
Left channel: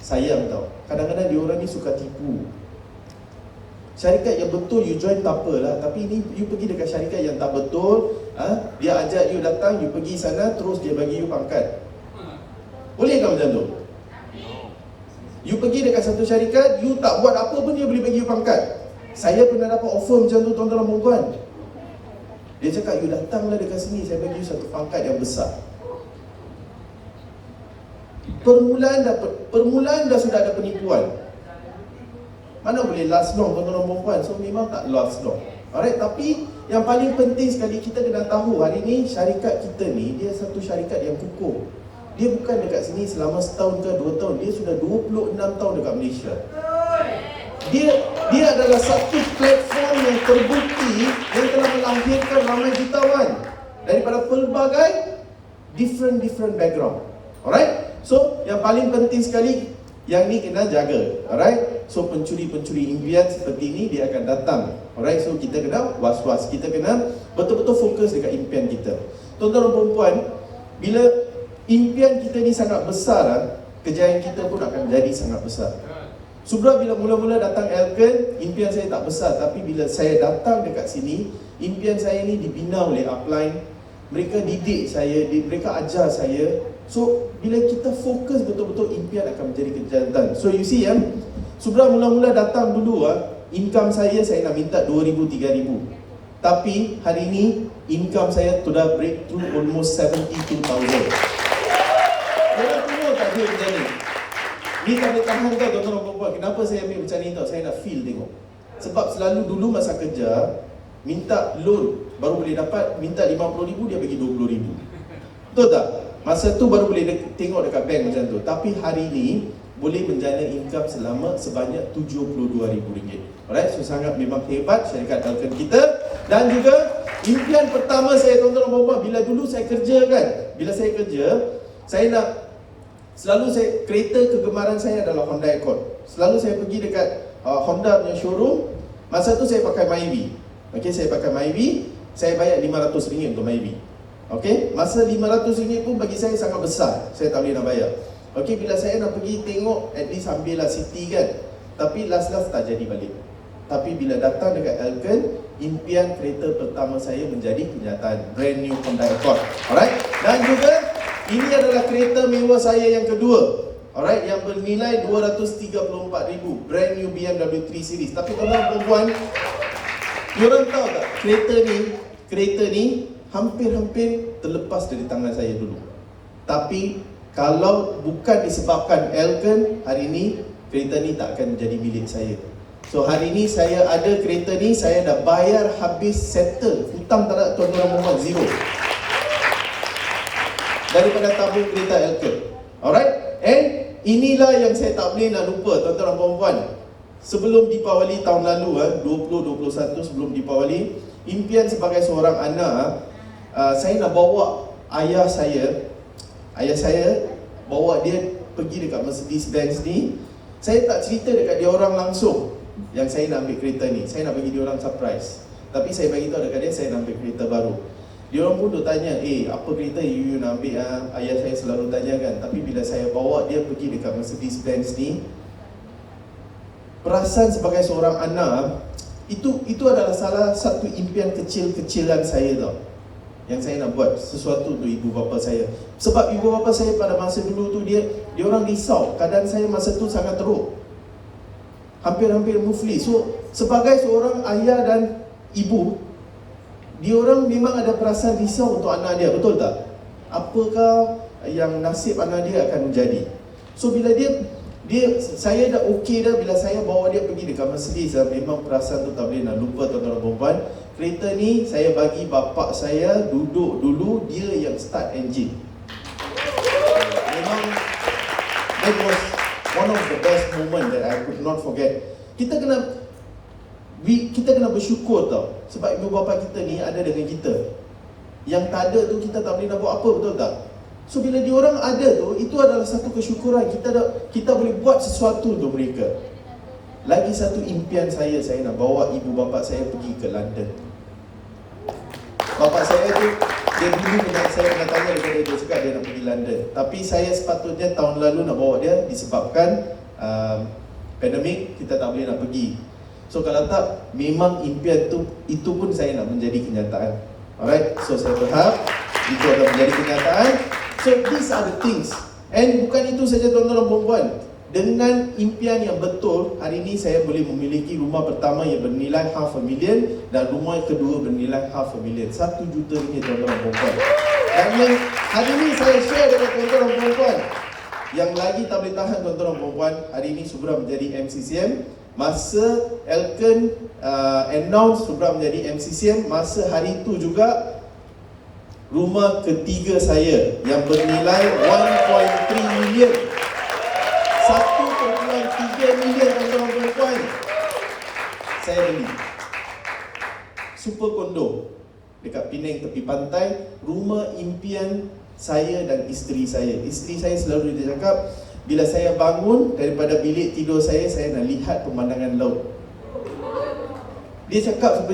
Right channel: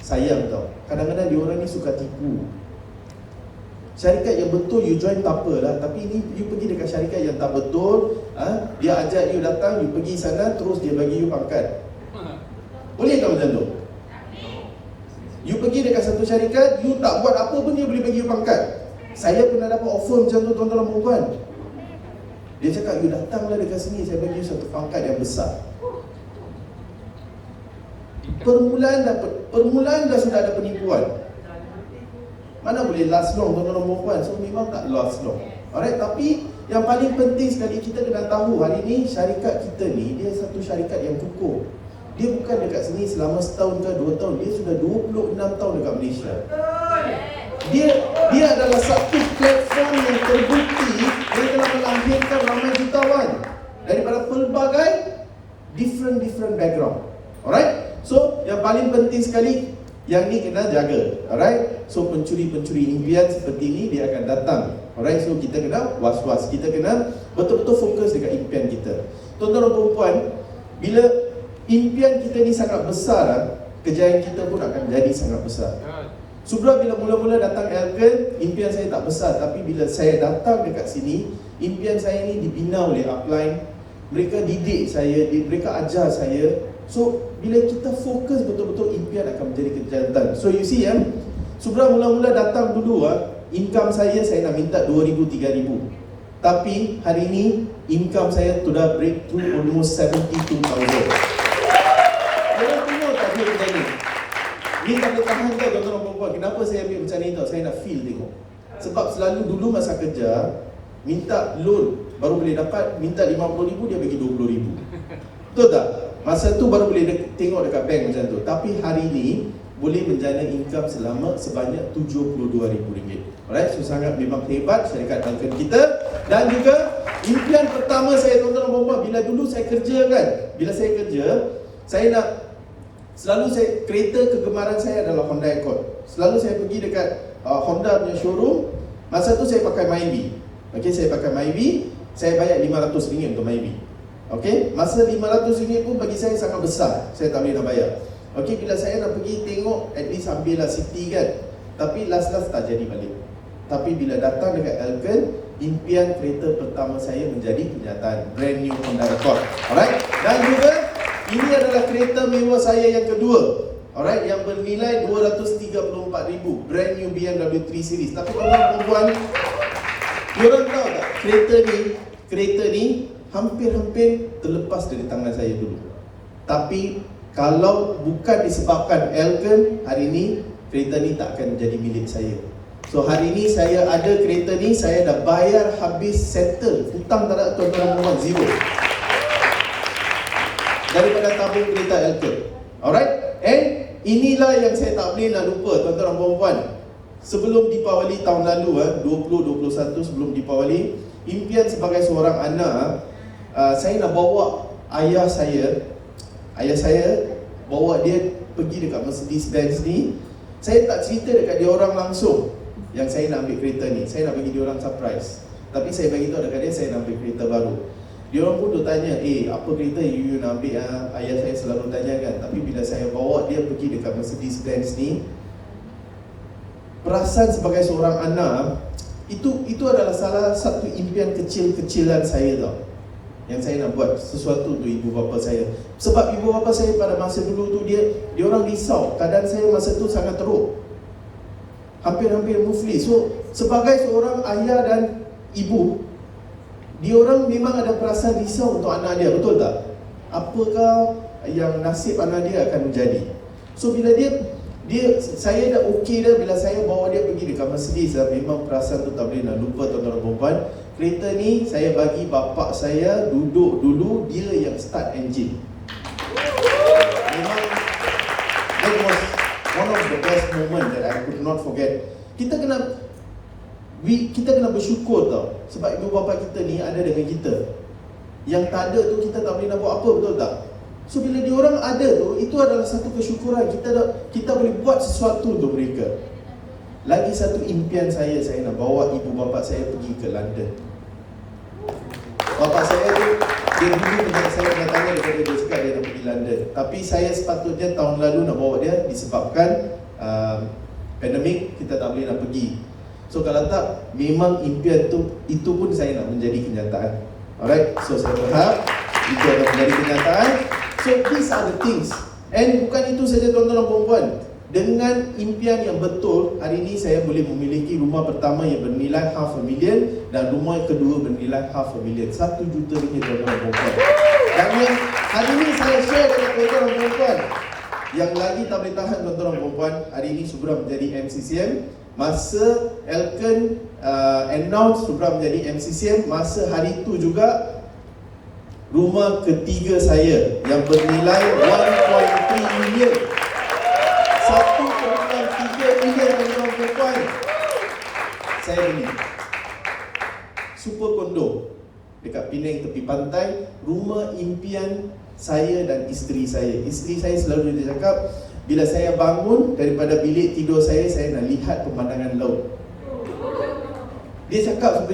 sayang tau, kadang-kadang dia orang ni suka tipu. Syarikat yang betul you join tak apalah, tapi ni you pergi dekat syarikat yang tak betul, dia ajak you datang, you pergi sana, terus dia bagi you pangkat. Boleh tak macam tu? You pergi dekat satu syarikat, you tak buat apa pun, you boleh bagi you pangkat. Saya pernah dapat offer macam tu, tuan-tuan dan puan-puan. Dia cakap, you datanglah dekat sini, saya bagi you satu pangkat yang besar. Permulaan dah sudah ada penipuan. Mana boleh last long, tuan-tuan dan puan-puan. So memang tak last long. Alright, tapi yang paling penting sekali kita kena tahu hari ni syarikat kita ni, dia satu syarikat yang kukuh. Dia bukan dekat sini selama setahun ke 2 tahun, dia sudah 26 tahun dekat Malaysia. Dia adalah satu platform yang terbukti yang telah melahirkan ramai jutawan daripada pelbagai different background. Alright? So, yang paling penting sekali, yang ni kena jaga. Alright? So, pencuri-pencuri impian seperti ini, dia akan datang. Alright? So, kita kena was-was. Kita kena betul-betul fokus dekat impian kita. Tuan-tuan dan perempuan, bila impian kita ni sangat besar, kejayaan kita pun akan menjadi sangat besar. Subra bila mula-mula datang Elkan, impian saya tak besar. Tapi bila saya datang dekat sini, impian saya ni dibina oleh upline. Mereka didik saya, mereka ajar saya. So, bila kita fokus betul-betul, impian akan menjadi kenyataan. So, you see Subra mula-mula datang dulu income saya nak minta 2,000, 3,000. Tapi hari ini income saya sudah breakthrough almost 72,000. Orang tengok tak dia macam ni? Ni tak boleh tahan tau tuan-tuan dan puan-puan. Kenapa saya ambil macam ni tau? Saya nak feel tengok. Sebab selalu dulu masa kerja, minta loan baru boleh dapat, minta 50,000 dia bagi 20,000. Betul tak? Masa tu baru boleh tengok dekat bank macam tu. Tapi hari ni boleh menjana income sebanyak RM72,000. Alright, so sangat memang hebat syarikat Elkan kita. Dan juga impian pertama saya tuan-tuan dan puan-puan, bila dulu saya kerja kan, bila saya kerja, saya nak kereta kegemaran saya adalah Honda Accord. Selalu saya pergi dekat Honda punya showroom. Masa tu saya pakai Myvi. Okey, saya pakai Myvi, saya bayar RM500 untuk Myvi. Okey, masa RM500 pun bagi saya sangat besar. Saya tak boleh nak bayar. Okey, bila saya nak pergi tengok, at least ambillah City kan. Tapi last tak jadi balik. Tapi bila datang dekat Elkan, impian kereta pertama saya menjadi kenyataan. Brand new Honda Accord. Alright, dan juga ini adalah kereta mewah saya yang kedua. Alright, yang bernilai RM234,000. Brand new BMW 3 Series. Tapi tuan-tuan, korang tahu tak, kereta ni hampir terlepas dari tangan saya dulu. Tapi kalau bukan disebabkan Elkan, hari ini kereta ni tak akan menjadi milik saya. So hari ini saya ada kereta ni, saya dah bayar habis, settle. Hutang tak ada, tuan-tuan, zero. Daripada tabung kereta Elkan. Alright? And inilah yang saya tak boleh nak lupa, tuan-tuan dan puan-puan. Sebelum Deepawali tahun lalu, 2021 sebelum Deepawali, impian sebagai seorang anak, saya nak bawa ayah saya bawa dia pergi dekat Mercedes-Benz ni. Saya tak cerita dekat dia orang langsung yang saya nak ambil kereta ni. Saya nak bagi dia orang surprise. Tapi saya bagi tahu dekat dia saya nak ambil kereta baru. Dia orang pun tanya, apa kereta you nak ambil? Ayah saya selalu tanya kan. Tapi bila saya bawa dia pergi dekat Mercedes-Benz ni, perasaan sebagai seorang anak, itu adalah salah satu impian kecil-kecilan saya tau. Yang saya nak buat sesuatu untuk ibu bapa saya. Sebab ibu bapa saya pada masa dulu tu dia orang risau. Keadaan saya masa tu sangat teruk. Hampir muflis. So sebagai seorang ayah dan ibu, diorang memang ada perasaan risau untuk anak dia, betul tak? Apakah yang nasib anak dia akan menjadi? So bila saya dah okey dah bila saya bawa dia pergi dekat Mercedes, memang perasaan tu tak boleh nak lupa tuan-tuan dan puan. Kereta ni saya bagi bapak saya duduk dulu, dia yang start engine. Memang that was one of the best moment that I could not forget. Kita kena bersyukur tau, sebab ibu bapa kita ni ada dengan kita. Yang tak ada tu kita tak boleh nak buat apa, betul tak? So bila diorang ada tu, itu adalah satu kesyukuran. Kita boleh buat sesuatu untuk mereka. Lagi satu impian saya nak bawa ibu bapa saya pergi ke London. Bapa saya tu, dia dulu saya nak tanya dia cakap dia nak pergi London. Tapi saya sepatutnya tahun lalu nak bawa dia disebabkan pandemik, kita tak boleh nak pergi. So kalau tak, memang impian tu, itu pun saya nak menjadi kenyataan. Alright, so saya berharap itu akan menjadi kenyataan. So these are the things. And bukan itu saja tuan-tuan dan puan-puan. Dengan impian yang betul, hari ini saya boleh memiliki rumah pertama yang bernilai $500,000 dan rumah yang kedua bernilai $500,000. 1 juta ringgit tuan-tuan dan puan-puan. Dan hari ini saya share dengan tuan-tuan dan puan-puan. Yang lagi tak boleh tahan tuan-tuan dan puan-puan, hari ini Subra menjadi MCCM. Masa Elkan announce Subra menjadi MCCM, masa hari itu juga rumah ketiga saya yang bernilai 1.3 million. 1.3 million tuan-tuan, saya beli super kondo dekat Penang tepi pantai, rumah impian saya dan isteri saya. Isteri saya selalu dia cakap, bila saya bangun daripada bilik tidur saya nak lihat pemandangan laut. Dia cakap,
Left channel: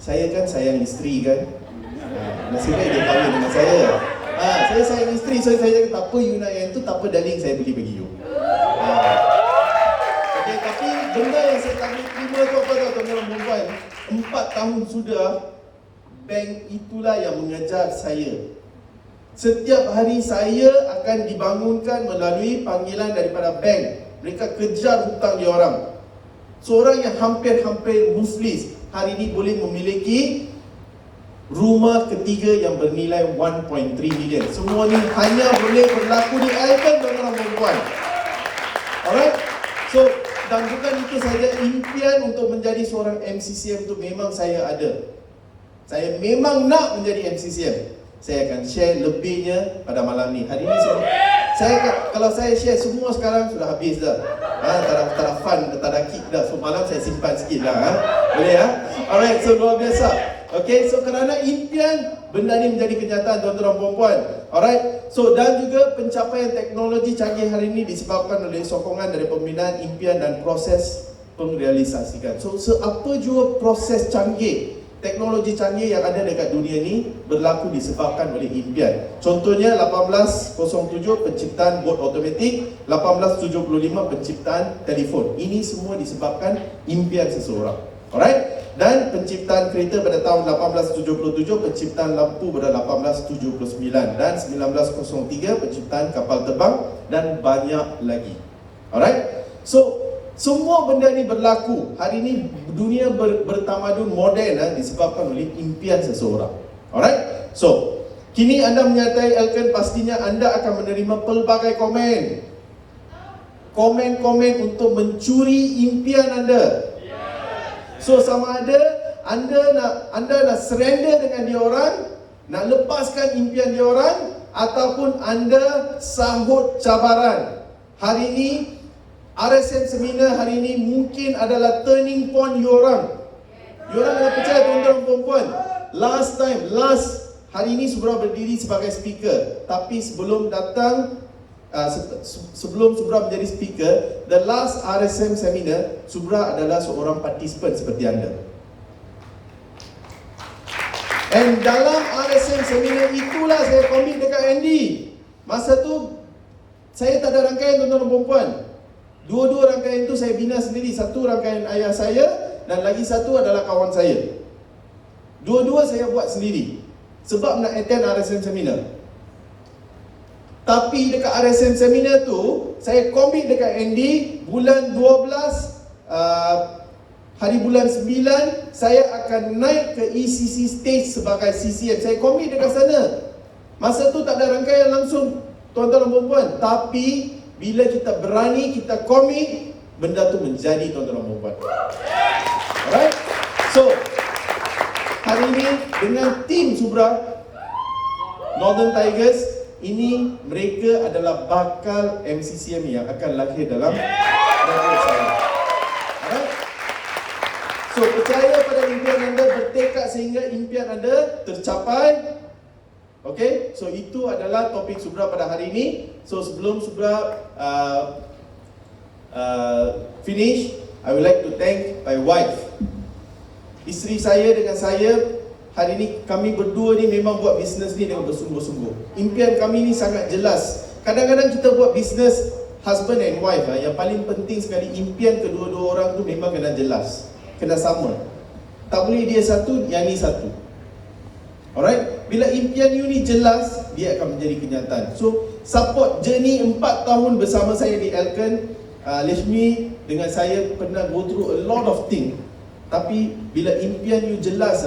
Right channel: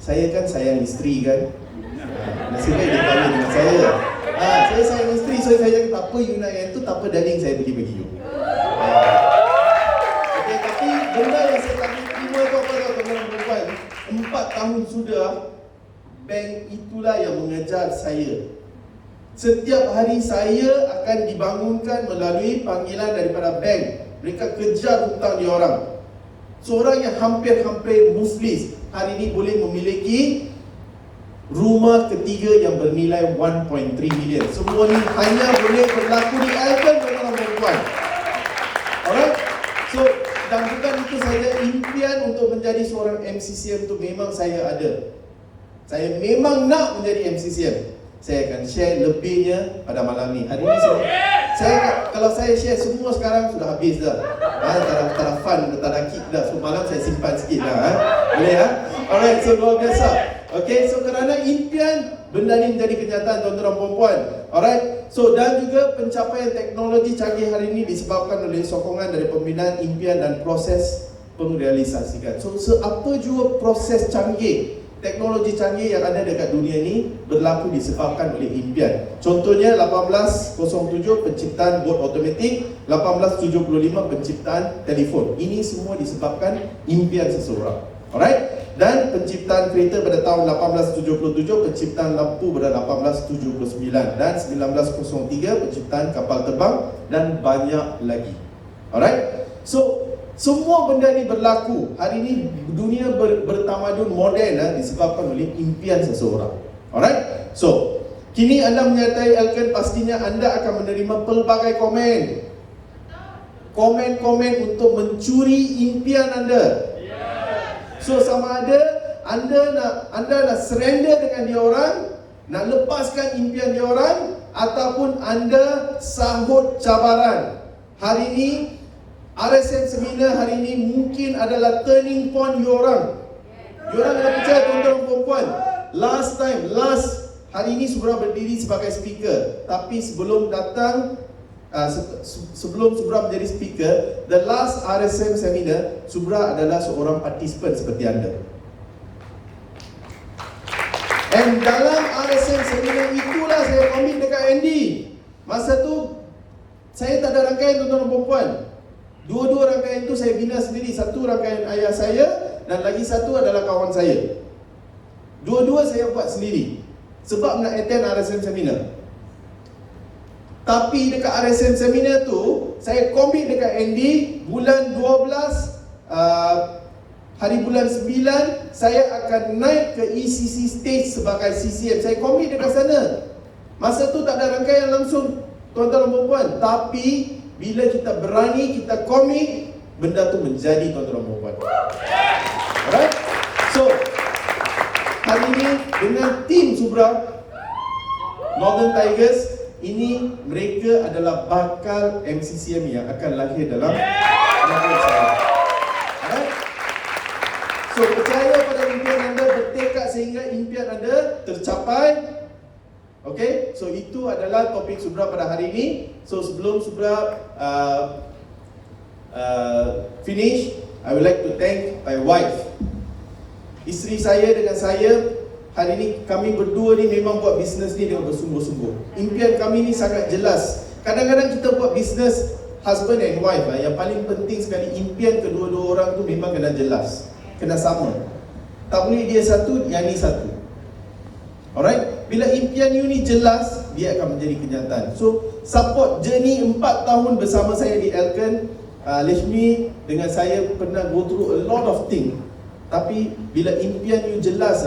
saya kan sayang isteri kan, nasib baik dia kahwin dengan saya. Saya sayang isteri, so saya cakap, tak apa you nak yang tu, tak apa darling, saya beli bagi you. Okay, tapi benda yang saya tak terima tu apa tau tuan-tuan dan puan, 4 tahun sudah bank itulah yang mengejar saya. Setiap hari saya akan dibangunkan melalui panggilan daripada bank. Mereka kejar hutang diorang. Seorang yang hampir-hampir muflis hari ini boleh memiliki rumah ketiga yang bernilai 1.3 million. Semua ni hanya boleh berlaku di Elkan, tuan-tuan dan puan. Alright? So, dan bukan itu saja, impian untuk menjadi seorang MCCM tu memang saya ada. Saya memang nak menjadi MCCM. Saya akan share lebihnya pada malam ni. Hari ni kalau saya share semua sekarang sudah habis dah. Tak fun, tak ada kick dah. So malam saya simpan sikit lah. Boleh Alright, so luar biasa. Okay, so kerana impian, benda ni menjadi kenyataan tuan-tuan dan puan-puan. Alright, so dan juga pencapaian teknologi canggih hari ini disebabkan oleh sokongan dari pembinaan impian dan proses pengrealisasikan. So apa jua proses canggih, teknologi canggih yang ada dekat dunia ni berlaku disebabkan oleh impian. Contohnya 1807 penciptaan bot automatik, 1875 penciptaan telefon. Ini semua disebabkan impian seseorang. Alright? Dan penciptaan kereta pada tahun 1877, penciptaan lampu pada 1879, dan 1903 penciptaan kapal terbang, dan banyak lagi. Alright? So semua benda ni berlaku. Hari ini dunia bertamadun moden disebabkan oleh impian seseorang. Alright? So, kini anda menyertai Elkan, pastinya anda akan menerima pelbagai komen. Komen-komen untuk mencuri impian anda. So, sama ada anda nak surrender dengan diorang, nak lepaskan impian diorang, ataupun anda sambut cabaran. Hari ini RSM Seminar hari ini mungkin adalah turning point diorang. Diorang yang percaya tuan-tuan dan puan-puan, last hari ini Subra berdiri sebagai speaker. Tapi sebelum Subra menjadi speaker, the last RSM Seminar, Subra adalah seorang participant seperti anda. And dalam RSM Seminar itulah saya komit dekat Andy. Masa tu saya tak ada rangkaian tuan-tuan dan puan-puan. Dua-dua rangkaian itu saya bina sendiri. Satu rangkaian ayah saya dan lagi satu adalah kawan saya. Dua-dua saya buat sendiri sebab nak attend RSM Seminar. Tapi dekat RSM Seminar tu, saya komit dekat Andy bulan 12 hari bulan 9 saya akan naik ke ECC stage sebagai CCM. Saya komit dekat sana. Masa tu tak ada rangkaian langsung, tuan-tuan dan puan-puan. Tapi bila kita berani, kita komit, benda tu menjadi, tuan-tuan dan puan-puan. Alright? So, hari ini dengan tim Subra Northern Tigers, ini mereka adalah bakal MCCM yang akan lahir dalam negara saya. Alright? So, percaya pada impian anda, bertekad sehingga impian anda tercapai. Okay, so itu adalah topik Subra pada hari ini. So, sebelum Subra finish, I would like to thank my wife. Isteri saya dengan saya, hari ini kami berdua ni memang buat bisnes ni dengan bersungguh-sungguh. Impian kami ni sangat jelas. Kadang-kadang kita buat bisnes husband and wife, yang paling penting sekali impian kedua-dua orang tu memang kena jelas, kena sama. Tak boleh dia satu, yang ni satu. Alright? Bila impian you ni jelas, dia akan menjadi kenyataan. So, support journey 4 tahun bersama saya di Elken. Lishmi dengan saya pernah go through a lot of things. Tapi bila impian you jelas,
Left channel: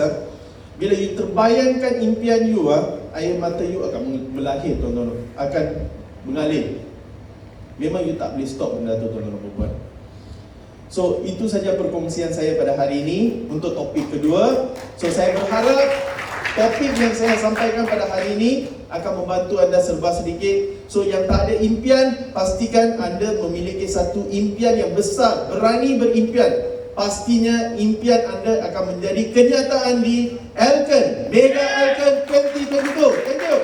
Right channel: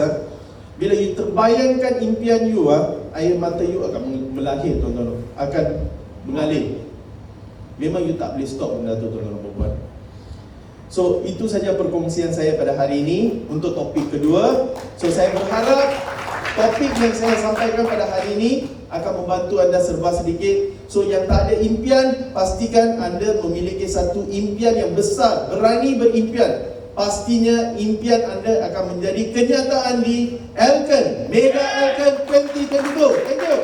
bila you terbayangkan impian you, air mata you akan melahir, tuan-tuan, akan mengalir. Memang you tak boleh stop benda tu, tuan-tuan dan puan-puan. So, itu saja perkongsian saya pada hari ini untuk topik kedua. So, saya berharap topik yang saya sampaikan pada hari ini akan membantu anda serba sedikit. So, yang tak ada impian, pastikan anda memiliki satu impian yang besar. Berani berimpian. Pastinya impian anda akan menjadi kenyataan di Elken, Mega Elken 2022. Thank you.